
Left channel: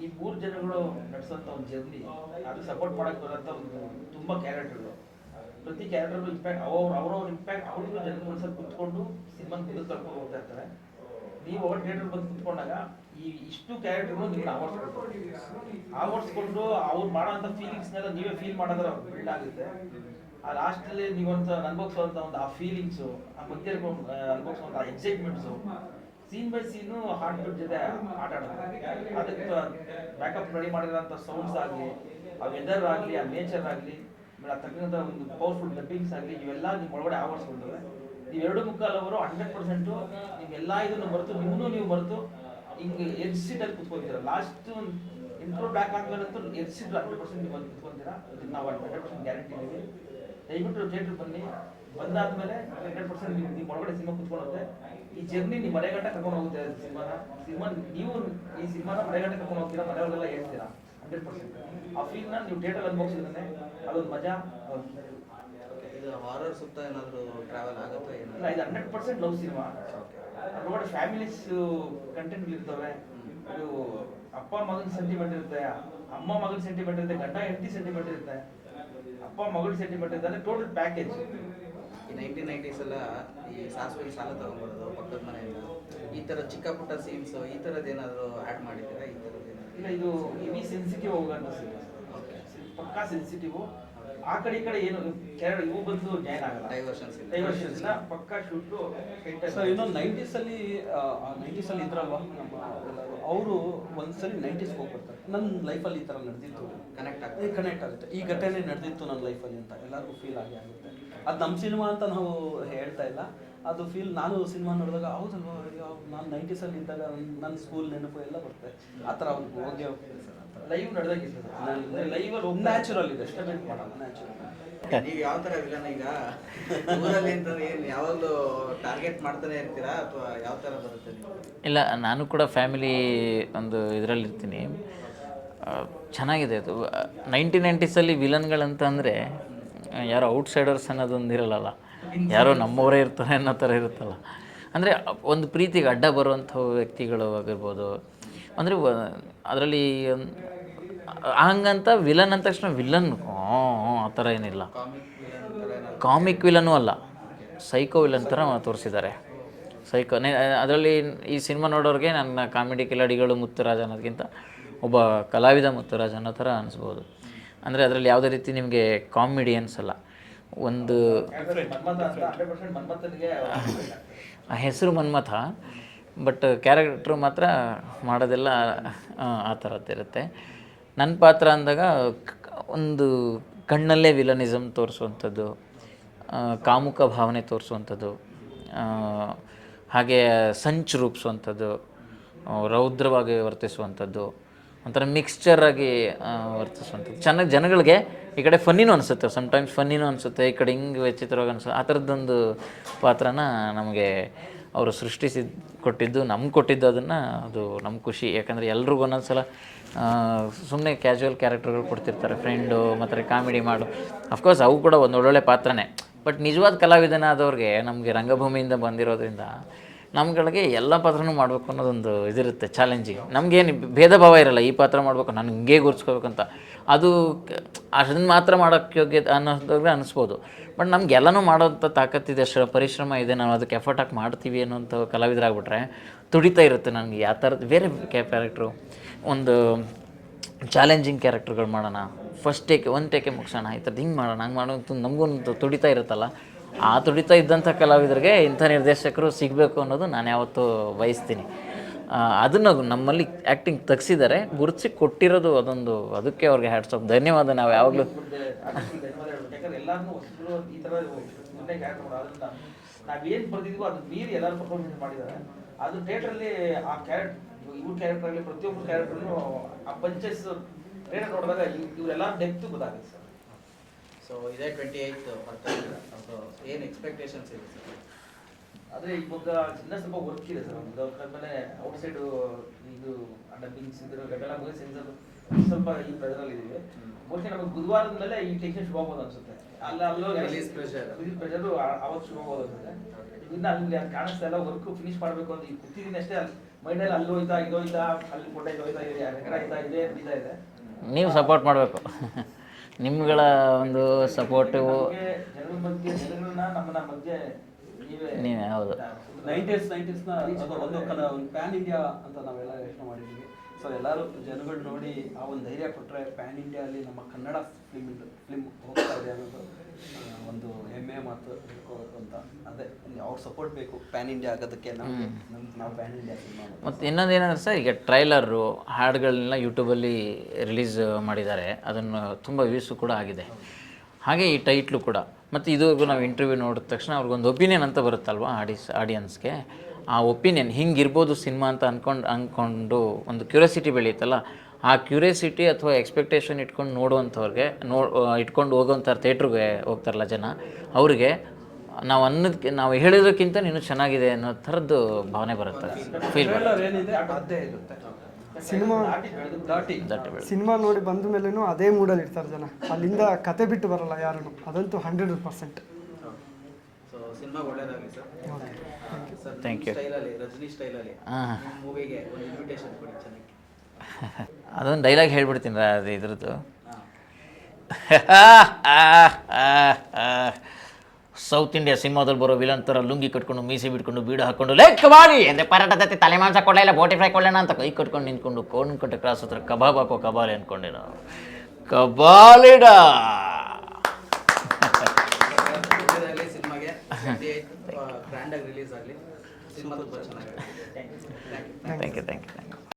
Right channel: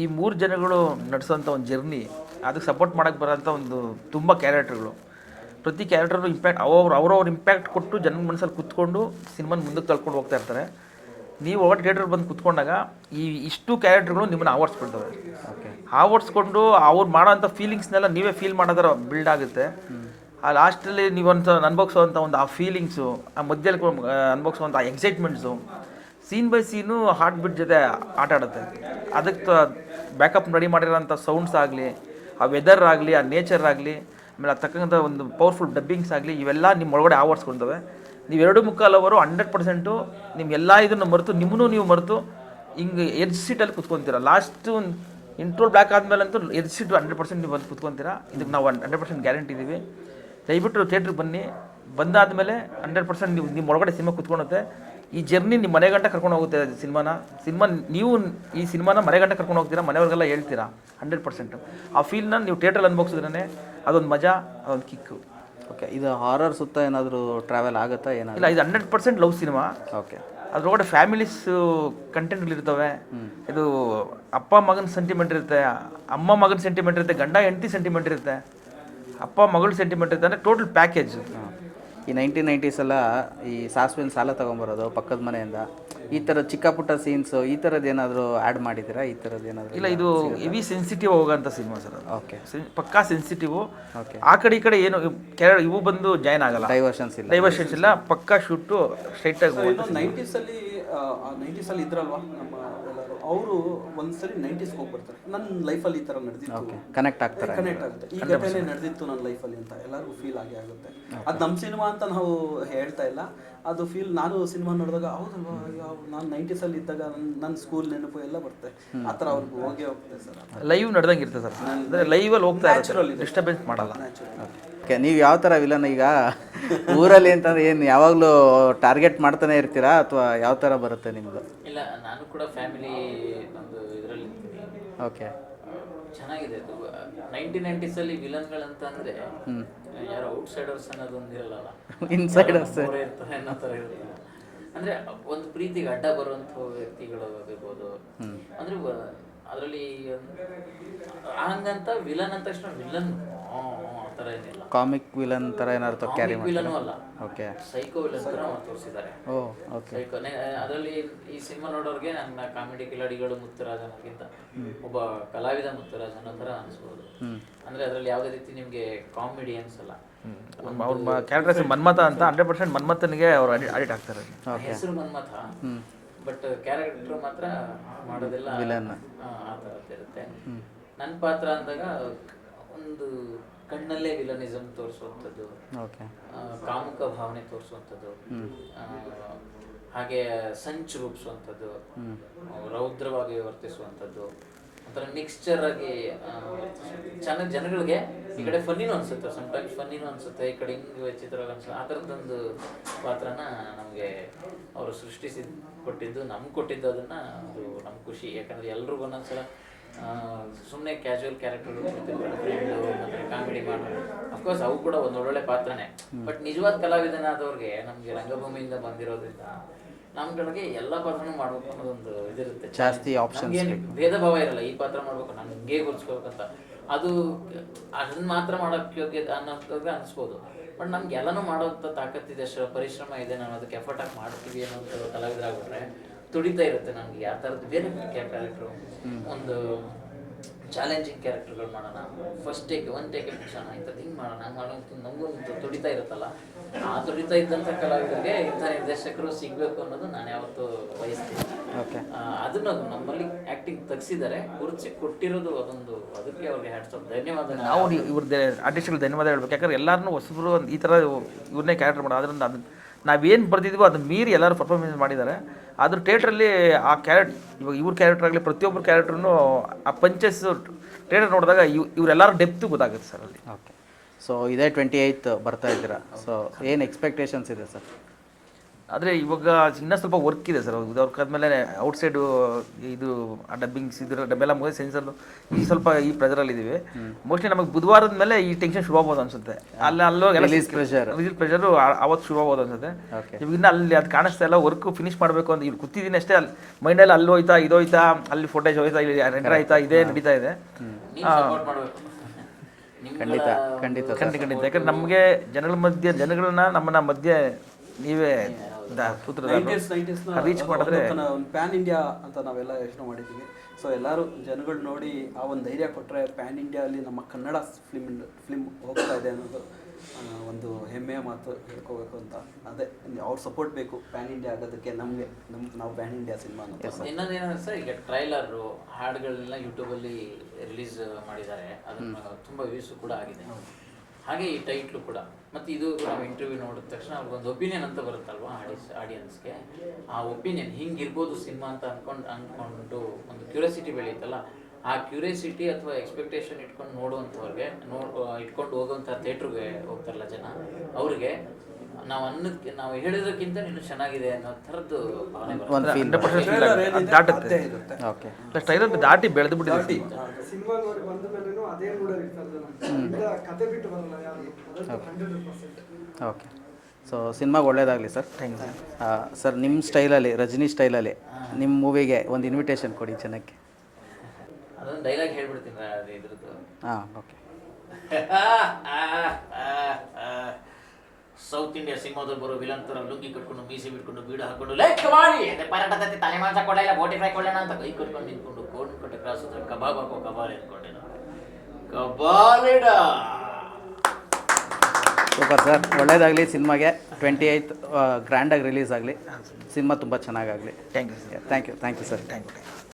ಈ ಮೂರು ಜನಗಳು ನಡೆಸೋಂಥ ಒಂದು ಜರ್ನಿ ಅದಕ್ಕೆ ಸಪೋರ್ಟ್ ಮಾಡೋಕ್ಕೆ ಬರೋಂಥ ಒಂದು ತುಂಬ ಕ್ಯಾರೆಕ್ಟರ್ಗಳು ಪ್ರತಿ ಕ್ಯಾರೆಕ್ಟರ್ನು ಇಂಪ್ಯಾಕ್ಟ್ ಅವ್ರು ಅವ್ರವ್ರ ಇಂಪ್ಯಾಕ್ಟ್ ಕೊಟ್ಟು ಜನ ಮನಸ್ಸಲ್ಲಿ ಕುತ್ಕೊಂಡು ಸಿನಿಮಾನ ಮುಂದಕ್ಕೆ ತಳ್ಕೊಂಡು ಹೋಗ್ತಾ ಇರ್ತಾರೆ. ನೀವು ಒಳಗೆ ಥಿಯೇಟರ್ ಬಂದು ಕುತ್ಕೊಂಡಾಗ ಈ ಇಷ್ಟು ಕ್ಯಾರೆಕ್ಟರ್ಗಳು ನಿಮ್ಮನ್ನು ಆವರಿಸ್ಕೊಳ್ತವೆ ಓಕೆ ಆವರಿಸ್ಕೊಂಡು ಅವ್ರು ಮಾಡೋಂಥ ಫೀಲಿಂಗ್ಸ್ನೆಲ್ಲ ನೀವೇ ಫೀಲ್ ಮಾಡೋದ್ರ ಬಿಲ್ಡ್ ಆಗುತ್ತೆ. ಆ ಲಾಸ್ಟಲ್ಲಿ ನೀವಂತ ಅನುಭವಿಸುವಂಥ ಒಂದು ಆ ಫೀಲಿಂಗ್ಸು ಆ ಮಧ್ಯದಲ್ಲಿ ಅನುಭವಿಸುವಂಥ ಆ excitements scene by scene heartbeat ಜೊತೆ ಆಟ ಆಡುತ್ತೆ. ಅದಕ್ಕೆ ಬ್ಯಾಕಪ್ ರೆಡಿ ಮಾಡಿರೋಂಥ ಸೌಂಡ್ಸ್ ಆಗಲಿ, ಆ ವೆದರ್ ಆಗಲಿ, ಆ ನೇಚರ್ ಆಗಲಿ, ಆಮೇಲೆ ಆ ತಕ್ಕಂಥ ಒಂದು ಪವರ್ಫುಲ್ ಡಬ್ಬಿಂಗ್ಸ್ ಆಗಲಿ, ಇವೆಲ್ಲ ನಿಮ್ಮ ಒಳಗಡೆ ಆವರಿಸ್ಕೊಳ್ತವೆ ನೀವು ಎರಡು ಅವರು ಹಂಡ್ರೆಡ್ ಪರ್ಸೆಂಟು ನಿಮ್ಗೆಲ್ಲ ಇದನ್ನು ಮರೆತು ನಿಮ್ಮನ್ನು ನೀವು ಮರೆತು, ಹಿಂಗೆ ಎಜ್ ಸೀಟಲ್ಲಿ ಕುತ್ಕೊಂತೀರ. ಲಾಸ್ಟ್ ಇಂಟ್ರೋಲ್ ಬ್ಯಾಕ್ ಆದಮೇಲೆ ಅಂತೂ ಎಜ್ ಸೀಟ್ ಹಂಡ್ರೆಡ್ ಪರ್ಸೆಂಟ್ ನೀವು ಬಂದು ಕುತ್ಕೊತೀರಾ. ಇದಕ್ಕೆ ನಾವು ಹಂಡ್ರೆಡ್ ಪರ್ಸೆಂಟ್ ಗ್ಯಾರಂಟಿ ಇದ್ದೀವಿ ದಯವಿಟ್ಟು ಥಿಯೇಟ್ರಿಗೆ ಬನ್ನಿ. ಬಂದಾದಮೇಲೆ ಹಂಡ್ರೆಡ್ ಪರ್ಸೆಂಟ್ ನೀವು ನಿಮ್ಮ ಒಳಗಡೆ ಸಿನಿಮಾ ಕುತ್ಕೊಳುತ್ತೆ ಈ ಜರ್ನಿ ನಿಮ್ಮ ಮನೆಗಟ್ಟ ಗಂಟೆ ಕರ್ಕೊಂಡು ಹೋಗುತ್ತೆ ಸಿನಿಮಾನ. ಸಿನಿಮಾ ನೀವು ಈ ಸಿನಿಮಾನ ಮನೆಗಟ್ಟ ಕರ್ಕೊಂಡು ಹೋಗ್ತೀರಾ ಮನೆಯವ್ರಿಗೆಲ್ಲ ಹೇಳ್ತೀರಾ? ಹಂಡ್ರೆಡ್ ಪರ್ಸೆಂಟ್ ಆ ಫೀಲ್ನ ನೀವು ಥಿಯೇಟ್ರಲ್ಲಿ ಅನ್ಭವಿಸಿದ್ರೆ ಅದೊಂದು ಮಜಾ ಅದೊಂದು ಕಿಕ್ಕು ಓಕೆ ಇದು ಹಾರರ್ ಸುತ್ತ ಏನಾದರೂ ಟ್ರಾವೆಲ್ ಆಗುತ್ತಾ ಏನೋ ಇಲ್ಲ ಇದು hundred percent love cinema. Okay ಅದ್ರೊಳಗಡೆ families ಕಂಟೆಂಟ್ಗಳಿರ್ತವೆ ಇದು ಅಪ್ಪ ಮಗನ ಸೆಂಟಿಮೆಂಟ್ ಇರುತ್ತೆ ಅಮ್ಮ ಮಗನ ಸೆಂಟಿಮೆಂಟ್ ಇರುತ್ತೆ ಗಂಡ ಹೆಂಡತಿ ಸೆಂಟಿಮೆಂಟ್ ಇರುತ್ತೆ. ಅಪ್ಪ ಮಗಳ ಸೆಂಟಿಮೆಂಟ್ ಇರುತ್ತೆ ಅಂದರೆ ಟೋಟಲ್ ಪ್ಯಾಕೇಜ್ ಈ ನೈನ್ಟೀನ್ ನೈಂಟೀಸೆಲ್ಲ ಈ ಸಾಸಿವೆನ ಸಾಲ ತೊಗೊಂಬರೋದು ಪಕ್ಕದ ಮನೆಯಿಂದ. ಈ ಥರ ಚಿಕ್ಕ ಪುಟ್ಟ ಸೀನ್ಸು ಈ ಥರದ್ದು ಏನಾದರೂ ಆ್ಯಡ್ ಮಾಡಿದ್ದೀರಾ? ಈ ಥರದ್ದು ಏನಾದರೂ ಇಲ್ಲ ಇದು ಇವಿ ಸೆನ್ಸಿಟಿವ್ ಹೋಗೋಂಥ ಸಿನಿಮಾ ಸರ್ ಓಕೆ ಪಕ್ಕಾ ಸೆನ್ಸಿಟಿವ್ ಓಕೆ ಆ ಕಡೆ ಈ ಕಡೆ ಏನು ಕೆರಳ ಇವು ಬಂದು ಜಾಯ್ನ್ ಆಗಲ್ಲ. ಡೈವರ್ಷನ್ಸ್ ಇಲ್ಲ. ಡೈವರ್ಷನ್ಸ್ ಇಲ್ಲ ಪಕ್ಕಾ ಶೂಟು ಸ್ಟ್ರೈಟ್ ಸೊ ಆಗಿ ಇನ್ನೊಂದು ನೈಂಟೀಸಲ್ಲಿ ನೈಂಟೀಸಲ್ಲಿ ಇದ್ರಲ್ವಾ ನಮ್ಮ ಎಲ್ಲರೂ? ಅವರು ಒಂದ್ಸರಿ ನೈಂಟೀಸ್ಗೆ ಹೋಗಿ ಬರ್ತಾರೆ ನನ್ನ ಲೈಫಲ್ಲಿ ಈ ಥರ ನಡೆದಿತ್ತು. ಕನೆಕ್ಟ್ ಆಗ್ತಾರೆ ಕನೆಕ್ಟ್ ಆಗುತ್ತೆ. ಈ ಘಟನೆ ನಡೆದಿತ್ತು ನನ್ನ ಲೈಫಲ್ಲಿ ಅಂತ. ಎಲ್ಲರಿಗೂ ಫೀಲ್ ಆಗಿ ಆಗುತ್ತೆ. ಅದು ನಮ್ಮ ಸಿನಿಮಾ ಅಂತ ನಾವು ಹೇಳ್ತಾ ಇಲ್ಲ. ಅದು ಫೀಲ್ ನಾನು ಸಿನಿಮಾ ನೋಡಿದಾಗ ಹೌದಲ್ವಾ ನಾನು ನಾನು ನೈಂಟೀಸಲ್ಲಿ ಇದ್ದಾಗ ನನ್ನ ನನ್ನ ಸ್ಕೂಲ್ ನೆನಪು ಎಲ್ಲ ಬರ್ತದೆ ಆ ಥರ ಅವ್ರಿಗೆ ಹೋಗಿ ಹೋಗ್ತದೆ ಸರ್ ಲೈವ್ ನಡೆದಂಗೆ ಇರ್ತದೆ ಸರ್. ಅಂದರೆ ಲೈವಲ್ಲಿ ಹೋಗ್ತಾ ನ್ಯಾಚುರಲ್ ಇದೆ. ಡಿಸ್ಟರ್ಬೆನ್ಸ್ ಮಾಡಲ್ಲ. ನ್ಯಾಚುರಲ್ ಓಕೆ ನೀವು ಯಾವ ಥರ ವಿಲನ್ ಈಗ? ಊರಲ್ಲಿ ಅಂತಂದ್ರೆ ಏನು ಯಾವಾಗಲೂ ಟಾರ್ಗೆಟ್ ಮಾಡ್ತಾನೆ ಇರ್ತೀರಾ ಅಥವಾ ಯಾವ ಥರ ಬರುತ್ತೆ ನಿಮ್ದು? ಇಲ್ಲ ನಾನು ಕೂಡ ಫ್ಯಾಮಿಲಿ ಒಂದು ಇದರಲ್ಲಿರ್ತೀನಿ ಓಕೆ. ಚೆನ್ನಾಗಿದೆ ಅದು. ನೈನ್ಟೀನ್ ನೈಂಟೀಸಲ್ಲಿ ವಿಲನ್ಗಳಂತಂದರೆ ಯಾರೋ ಔಟ್ಸೈಡರ್ಸ್ ಅನ್ನೋದೊಂದು ಇರಲ್ಲ ಯಾರೋ ನಮ್ಮವರೇ ಇರ್ತಾರೆ ಅನ್ನೋ ಥರ ಇರುತ್ತಲ್ಲ. ಅಂದರೆ ಒಂದು ಪ್ರೀತಿಗೆ ಅಡ್ಡ ಬರುವಂಥ ವ್ಯಕ್ತಿಗಳು ಆಗಿರ್ಬೋದು. ಅಂದರೆ ಅದರಲ್ಲಿ ಹಂಗಂತ ವಿಲನ್ ಅಂದ ತಕ್ಷಣ ವಿಲನ್ ಆ ಥರ ಏನಿಲ್ಲ. ಕಾಮಿಕ್ ವಿಲನ್ ಥರ ಏನಾದ್ರು ಕಾಮಿಕ್ ವಿಲನೂ ಅಲ್ಲ. ಓಕೆ. ಸೈಕೋ ವಿಲನ್ ಥರ ತೋರಿಸಿದ್ದಾರೆ. ಸೈಕೋ ಅದರಲ್ಲಿ ಈ ಸಿನಿಮಾ ನೋಡೋರಿಗೆ ನನ್ನ ಕಾಮಿಡಿ ಕಿಲಾಡಿಗಳು ಮುತ್ತುರಾಜ್ ಅನ್ನೋದಕ್ಕಿಂತ ಒಬ್ಬ ಕಲಾವಿದ ಮುತ್ತುರಾಜ ಅನ್ನೋ ಥರ ಅನಿಸ್ಬೋದು. ಅಂದರೆ ಅದರಲ್ಲಿ ಯಾವುದೇ ರೀತಿ ನಿಮಗೆ ಕಾಮಿಡಿ ಅನ್ಸಲ್ಲ. ಒಂದು ಮನ್ಮಥ ಅಂತ ಹಂಡ್ರೆಡ್ ಪರ್ಸೆಂಟ್ ಮನ್ಮಥನಿಗೆ ಅವ್ರು ಅಡಿಟ್ ಆಗ್ತಾರೆ. ಹೆಸರು ಮನ್ಮಥ. ಬಟ್ ಕ್ಯಾರೆಕ್ಟ್ರು ಮಾತ್ರ ಮಾಡೋದೆಲ್ಲ ಆ, ಆ ಥರದ್ದಿರುತ್ತೆ ನನ್ನ ಪಾತ್ರ ಅಂದಾಗ ಒಂದು ಕಣ್ಣಲ್ಲೇ ವಿಲನಿಸಮ್ ತೋರಿಸುವಂಥದ್ದು ಓಕೆ ಆ, ಕಾಮುಕ ಭಾವನೆ ತೋರಿಸುವಂಥದ್ದು ಹಾಗೆ ಸಂಚ್ ರೂಪಿಸುವಂಥದ್ದು ರೌದ್ರವಾಗಿ ವರ್ತಿಸುವಂಥದ್ದು ಒಂಥರ ಮಿಕ್ಸ್ಚರ್ ಆಗಿ ವರ್ತಿಸುವಂಥದ್ದು. ಚೆನ್ನಾಗಿ ಜನಗಳಿಗೆ ಈ ಕಡೆ ಫನ್ನಿನೂ ಅನಿಸುತ್ತೆ. ಸಮ್ಟೈಮ್ಸ್ ಫನ್ನಿನೂ ಅನಿಸುತ್ತೆ. ಈ ಕಡೆ ಹಿಂಗೆ ವಿಚಿತ್ರವಾಗಿ ಅನಿಸುತ್ತೆ ಆ ಥರದ್ದೊಂದು ಪಾತ್ರನ ನಮಗೆ ಅವರು ಸೃಷ್ಟಿಸಿ ಕೊಟ್ಟಿದ್ದು ನಮ್ಗೆ ಕೊಟ್ಟಿದ್ದು ಅದನ್ನು ಅದು ನಮ್ಮ ಖುಷಿ. ಯಾಕಂದರೆ ಎಲ್ರಿಗೂ ಒಂದೊಂದ್ಸಲ ಸುಮ್ಮನೆ ಕ್ಯಾಶುವಲ್ ಕ್ಯಾರೆಕ್ಟರ್ಗಳು ಕೊಡ್ತಿರ್ತಾರೆ. ಫ್ರೆಂಡು ಮತ್ತು ಕಾಮಿಡಿ ಮಾಡು. ಅಫ್ಕೋರ್ಸ್ ಅವು ಕೂಡ ಒಂದು ಒಳ್ಳೊಳ್ಳೆ ಪಾತ್ರನೇ. ಬಟ್ ನಿಜವಾದ ಕಲಾವಿದನಾದವ್ರಿಗೆ ನಮಗೆ ರಂಗಭೂಮಿಯಿಂದ ಬಂದಿರೋದ್ರಿಂದ ನಮ್ಗಳಿಗೆ ಎಲ್ಲ ಪಾತ್ರನೂ ಮಾಡಬೇಕು ಅನ್ನೋದೊಂದು ಇದಿರುತ್ತೆ ಚಾಲೆಂಜ್ ನಮಗೇನು ಭೇದ ಭಾವ ಇರಲ್ಲ ಈ ಪಾತ್ರ ಮಾಡಬೇಕು ನಾನು ಹಿಂಗೆ ಗುರ್ಸ್ಕೋಬೇಕಂತ ಅದು ಅದನ್ನ ಮಾತ್ರ ಮಾಡೋಕ್ಕೆ ಯೋಗ್ಯ ಅನ್ನೋದಾದ್ರೆ ಅನಿಸ್ಬೋದು. ಬಟ್ ನಮ್ಗೆ ಎಲ್ಲನೂ ಮಾಡೋಂಥ ತಾಕತ್ತಿದೆ ಶ್ರ ಪರಿಶ್ರಮ ಇದೆ ನಾವು ಅದಕ್ಕೆ ಎಫರ್ಟ್ ಹಾಕಿ ಮಾಡ್ತೀವಿ ಅನ್ನೋಂಥ ಕಲಾವಿದರಾಗ್ಬಿಟ್ರೆ ತುಡಿತಾ ಇರುತ್ತೆ ನನಗೆ ಯಾವ ಥರದ್ದು ಬೇರೆ ಕ್ಯಾರೆಕ್ಟ್ರು ಒಂದು ಚಾಲೆಂಜಿಂಗ್ ಕ್ಯಾರೆಕ್ಟರ್ಗಳು ಮಾಡೋಣ ಫಸ್ಟ್ ಟೇಕ್ ಒಂದು ಟೇಕೆ ಮುಗಿಸೋಣ ಈ ಥರದ್ದು ಹಿಂಗೆ ಮಾಡೋಣ ಹಂಗೆ ಮಾಡೋಣ ಅಂತ ನಮಗೊಂದು ತುಡಿತಾ ಇರುತ್ತಲ್ಲ ಆ ತುಡಿತಾ ಇದ್ದಂಥ ಕಲಾವಿದರಿಗೆ ಇಂಥ ನಿರ್ದೇಶಕರು ಸಿಗಬೇಕು ಅನ್ನೋದು ನಾನು ಯಾವತ್ತೂ ಬಯಸ್ತೀನಿ. ಅದನ್ನು ನಮ್ಮಲ್ಲಿ ಆ್ಯಕ್ಟಿಂಗ್ ತಗ್ಸಿದ್ದಾರೆ. ಗುರುತಿಸಿ ಕೊಟ್ಟಿರೋದು ಅದೊಂದು ಅದಕ್ಕೆ ಅವ್ರಿಗೆ ಹ್ಯಾಟ್ಸ್ ಆಫ್ ಧನ್ಯವಾದ ನಾವು ಯಾವಾಗಲೂ ಇವ್ರದ್ದು ಆರ್ಟಿಸ್ಟ್ಗಳು ಧನ್ಯವಾದ ಹೇಳ್ಬೇಕು. ಯಾಕಂದ್ರೆ ಎಲ್ಲರನ್ನೂ ಹೊಸಬ್ರು ಒಂದು ಈ ಥರ ಇವ್ರನ್ನೇ ಕ್ಯಾರೆಕ್ಟರ್ ಮಾಡೋದು. ಅದರಿಂದ ಅದು ನಾವೇನು ಬರ್ತಿದ್ವೋ ಅದು ಮೀರಿ ಎಲ್ಲರೂ ಪರ್ಫಾರ್ಮೆನ್ಸ್ ಮಾಡಿದ್ದಾರೆ. ಆದರೂ ಥಿಯೇಟ್ರಲ್ಲಿ ಆ ಕ್ಯಾರೆಕ್ಟ್ ಇವಾಗ ಇವ್ರ ಕ್ಯಾರೆಕ್ಟರ್ ಆಗಲಿ ಪ್ರತಿಯೊಬ್ಬರ ಕ್ಯಾರೆಕ್ಟ್ರೂ ಆ ಪಂಚಸ್ ಥಿಯೇಟರ್ ನೋಡಿದಾಗ ಇವ್ ಇವರೆಲ್ಲರ ಡೆಪ್ತು ಗೊತ್ತಾಗುತ್ತೆ ಸರ್ ಅಲ್ಲಿ. ಓಕೆ ಸೊ ಇದೇ ಟ್ವೆಂಟಿ ಏಯ್ತ್ ಬರ್ತಾ ಇದ್ದೀರಾ? ಸೊ ಏನು ಎಕ್ಸ್ಪೆಕ್ಟೇಷನ್ಸ್ ಇದೆ ಸರ್ ಆದರೆ ಇವಾಗ ಇನ್ನೂ ಸ್ವಲ್ಪ ವರ್ಕ್ ಇದೆ ಸರ್ ಇದು ವರ್ಕ್ ಆದಮೇಲೆ ಔಟ್ಸೈಡು ಇದು ಆ ಡಬ್ಬಿಂಗ್ಸ್ ಇದ್ರ ಡಬ್ಬೆಲ್ಲ ಮುಗಿದ ಸೆನ್ಸರ್ದು ಈ ಸ್ವಲ್ಪ ಈ ಪ್ರೆಜರಲ್ಲಿ ಇದ್ದೀವಿ ಮೋಸ್ಟ್ಲಿ ನಮಗೆ ಬುಧವಾರದ ಮೇಲೆ ಈ ಟೆನ್ಷನ್ ಶುರು ಆಗ್ಬೋದು ಅನ್ಸುತ್ತೆ. ಅಲ್ಲಿ ಅಲ್ಲೋಗಿ ರಿಲೀಸ್ ಪ್ರೆಷರ್ ರಿಲೀಸ್ ಪ್ರೆಷರು ಅವತ್ತು ಶುರು ಆಗ್ಬೋದು ಅನ್ಸುತ್ತೆ. ಇವಾಗ ಇನ್ನು ಅಲ್ಲಿ ಅದು ಕಾಣಿಸ್ತಾ ಇಲ್ಲ ವರ್ಕ್ ಫಿನಿಶ್ ಮಾಡಬೇಕು ಅಂತ ಇಲ್ಲಿ ಕೂತಿದ್ದೀನಿ ಅಷ್ಟೇ. ಅಲ್ಲಿ ಮೈಂಡಲ್ಲಿ ಅಲ್ಲಿ ಹೋಯ್ತಾ ಇದು ಹೋಯ್ತಾ ಅಲ್ಲಿ ಫೋಟೇಜ್ ಹೋಯ್ತಾ ಇಲ್ಲಿ ರೆಂಟರ್ ಆಯ್ತಾ ಇದೇ ನಡೀತಾ ಇದೆ. ನೀವು ಸಪೋರ್ಟ್ ಮಾಡಬೇಕು. ನಿಮ್ಗಳ ಒಂದು. ಯಾಕಂದ್ರೆ ನಮಗೆ ಜನಗಳ ಮಧ್ಯೆ ಜನಗಳನ್ನ ನಮ್ಮನ್ನ ಮಧ್ಯೆ ನೀವೇ ರೀಚ್. ನೈಂಟೀಸ್ ಮಾಡಿದ್ರೆ ಒಂದು ಪ್ಯಾನ್ ಇಂಡಿಯಾ ಅಂತ ನಾವೆಲ್ಲ ಯೋಚನೆ ಮಾಡಿದ್ದೀವಿ ಸೊ ಎಲ್ಲರೂ ಜನಗಳು ನೋಡಿ ಆ ಒಂದು ಧೈರ್ಯ ಕೊಟ್ಟರೆ ಪ್ಯಾನ್ ಇಂಡಿಯಾ ಅಲ್ಲಿ ನಮ್ಮ ಕನ್ನಡ ಫಿಲ್ಮ್ ಫಿಲ್ಮ್ ಹೋಗ್ತಾ ಇದೆ ಅನ್ನೋದು ಒಂದು ಹೆಮ್ಮೆಯ ಮಾತು ಹೇಳ್ಕೋಬೇಕು ಅಂತ. ಅದೇ ಅವ್ರ ಸಪೋರ್ಟ್ ಬೇಕು ಪ್ಯಾನ್ ಇಂಡಿಯಾ ಆಗೋದಕ್ಕೆ ನಮಗೆ ನಮ್ಗೆ ನಾವು ಪ್ಯಾನ್ ಇಂಡಿಯಾ ಸಿನಿಮಾ ಮತ್ತು ಇನ್ನೊಂದು ಏನಂದ್ರೆ ಸರ್ ಈಗ ಟ್ರೈಲರು ಹಾಡುಗಳನ್ನೆಲ್ಲ ಯೂಟ್ಯೂಬಲ್ಲಿ ರಿಲೀಸ್ ಮಾಡಿದ್ದಾರೆ. ಅದನ್ನು ತುಂಬ ವ್ಯೂಸು ಕೂಡ ಆಗಿದೆ. ಹಾಗೆ ಈ ಟೈಟ್ಲು ಕೂಡ. ಮತ್ತು ಇದುವರೆಗೂ ನಾವು ಇಂಟರ್ವ್ಯೂ ನೋಡಿದ ತಕ್ಷಣ ಅವ್ರಿಗೊಂದು ಒಪಿನಿಯನ್ ಅಂತ ಬರುತ್ತಲ್ವ ಆಡಿಸ್ ಆಡಿಯನ್ಸ್ಗೆ ಆ ಒಪಿನಿಯನ್ ಹಿಂಗಿರ್ಬೋದು ಸಿನಿಮಾ ಅಂತ ಅಂದ್ಕೊಂಡು ಅಂದ್ಕೊಂಡು ಒಂದು ಕ್ಯೂರಿಯಾಸಿಟಿ ಬೆಳೆಯುತ್ತಲ್ಲ ಆ ಕ್ಯೂರಿಯಾಸಿಟಿ ಅಥವಾ ಎಕ್ಸ್ಪೆಕ್ಟೇಷನ್ ಇಟ್ಕೊಂಡು ನೋಡುವಂಥವ್ರಿಗೆ ನೋ ಇಟ್ಕೊಂಡು ಹೋಗೋಂಥ ಥೇಟ್ರಿಗೆ ಹೋಗ್ತಾರಲ್ಲ ಜನ ಅವರಿಗೆ ನಾವು ಅನ್ನೋದಕ್ಕೆ ನಾವು ಹೇಳಿದಕ್ಕಿಂತ ನೀನು ಚೆನ್ನಾಗಿದೆ ಅನ್ನೋ ಥರದ್ದು ಭಾವನೆ ಬರುತ್ತೆ. ದಾಟಿ ಬೆಳೆದು ಬಿಟ್ಟು ಸಿನಿಮಾ ನೋಡಿ ಬಂದ ಮೇಲೂ ಅದೇ ಮೂಡಲ್ಲಿ ಇರ್ತಾರೆ ಜನ. ಅಲ್ಲಿಂದ ಕತೆ ಬಿಟ್ಟು ಬರಲ್ಲ ಯಾರು ಅದಂತೂ ಹಂಡ್ರೆಡ್ ಪರ್ಸೆಂಟ್ ಓಕೆ ಸೊ ಸಿನಿಮಾಗೆ ಒಳ್ಳೇದಾಗಲಿ ಸರ್. ಸರ್ ನಿಮ್ಮ ಸ್ಟೈಲಲ್ಲಿ ರಜನಿ ಸ್ಟೈಲಲ್ಲಿ ನಿಮ್ಮ ಮೂವಿಗೆ ಒಂದು ಇನ್ವಿಟೇಷನ್ ಕೊಡಿ ಜನಕ್ಕೆ. ಅದೊಂದು ಡೈಲಾಗ್ ಹೇಳ್ಬಿಡ್ತೀನಿ ಅದು ಇದ್ರದ್ದು. ಹಾಂ ಓಕೆ ಸೌತ್ ಇಂಡಿಯಾ ಸಿನಿಮಾದಲ್ಲಿ ಬರೋ ವಿಲನ್ ಥರ ಲುಂಗಿ ಕಟ್ಕೊಂಡು ಮೀಸೆ ಬಿಟ್ಕೊಂಡು ಬೀಡು ಹಾಕೊಂಡು ಲೆಕ್ಕ ಮಾಡಿ! ಅಂದರೆ ಪರಾಟ ತತ್ತಿ ತಲೆ ಮಾಂಸ ಕೊಡಲಿಲ್ಲ ಬೋಟಿ ಫ್ರೈ ಕೊಡೋಣ ಅಂತ ಕೈ ಕಟ್ಕೊಂಡು ನಿಂತ್ಕೊಂಡು ಕೋಣ್ ಕಟ್ಟೆ ಕ್ರಾಸ್ ಹತ್ರ ಕಬಾಬ್ ಹಾಕೋ ಕಬಾಲಿ ಅಂದ್ಕೊಂಡೆ ನಾವು ಕಬಾಲಿಡ! ಸೂಪರ್ ಸರ್ ಒಳ್ಳೇದಾಗಲಿ ಸಿನಿಮಾಗೆ. ಟ್ವೆಂಟಿ ಏಯ್ತ್ ಗ್ರ್ಯಾಂಡಾಗಿ ರಿಲೀಸ್ ಆಗಲಿ. ಸಿನಿಮಾ ತುಂಬ ಚೆನ್ನಾಗಾಗಲಿ. Thank you thank you thank you sir thank you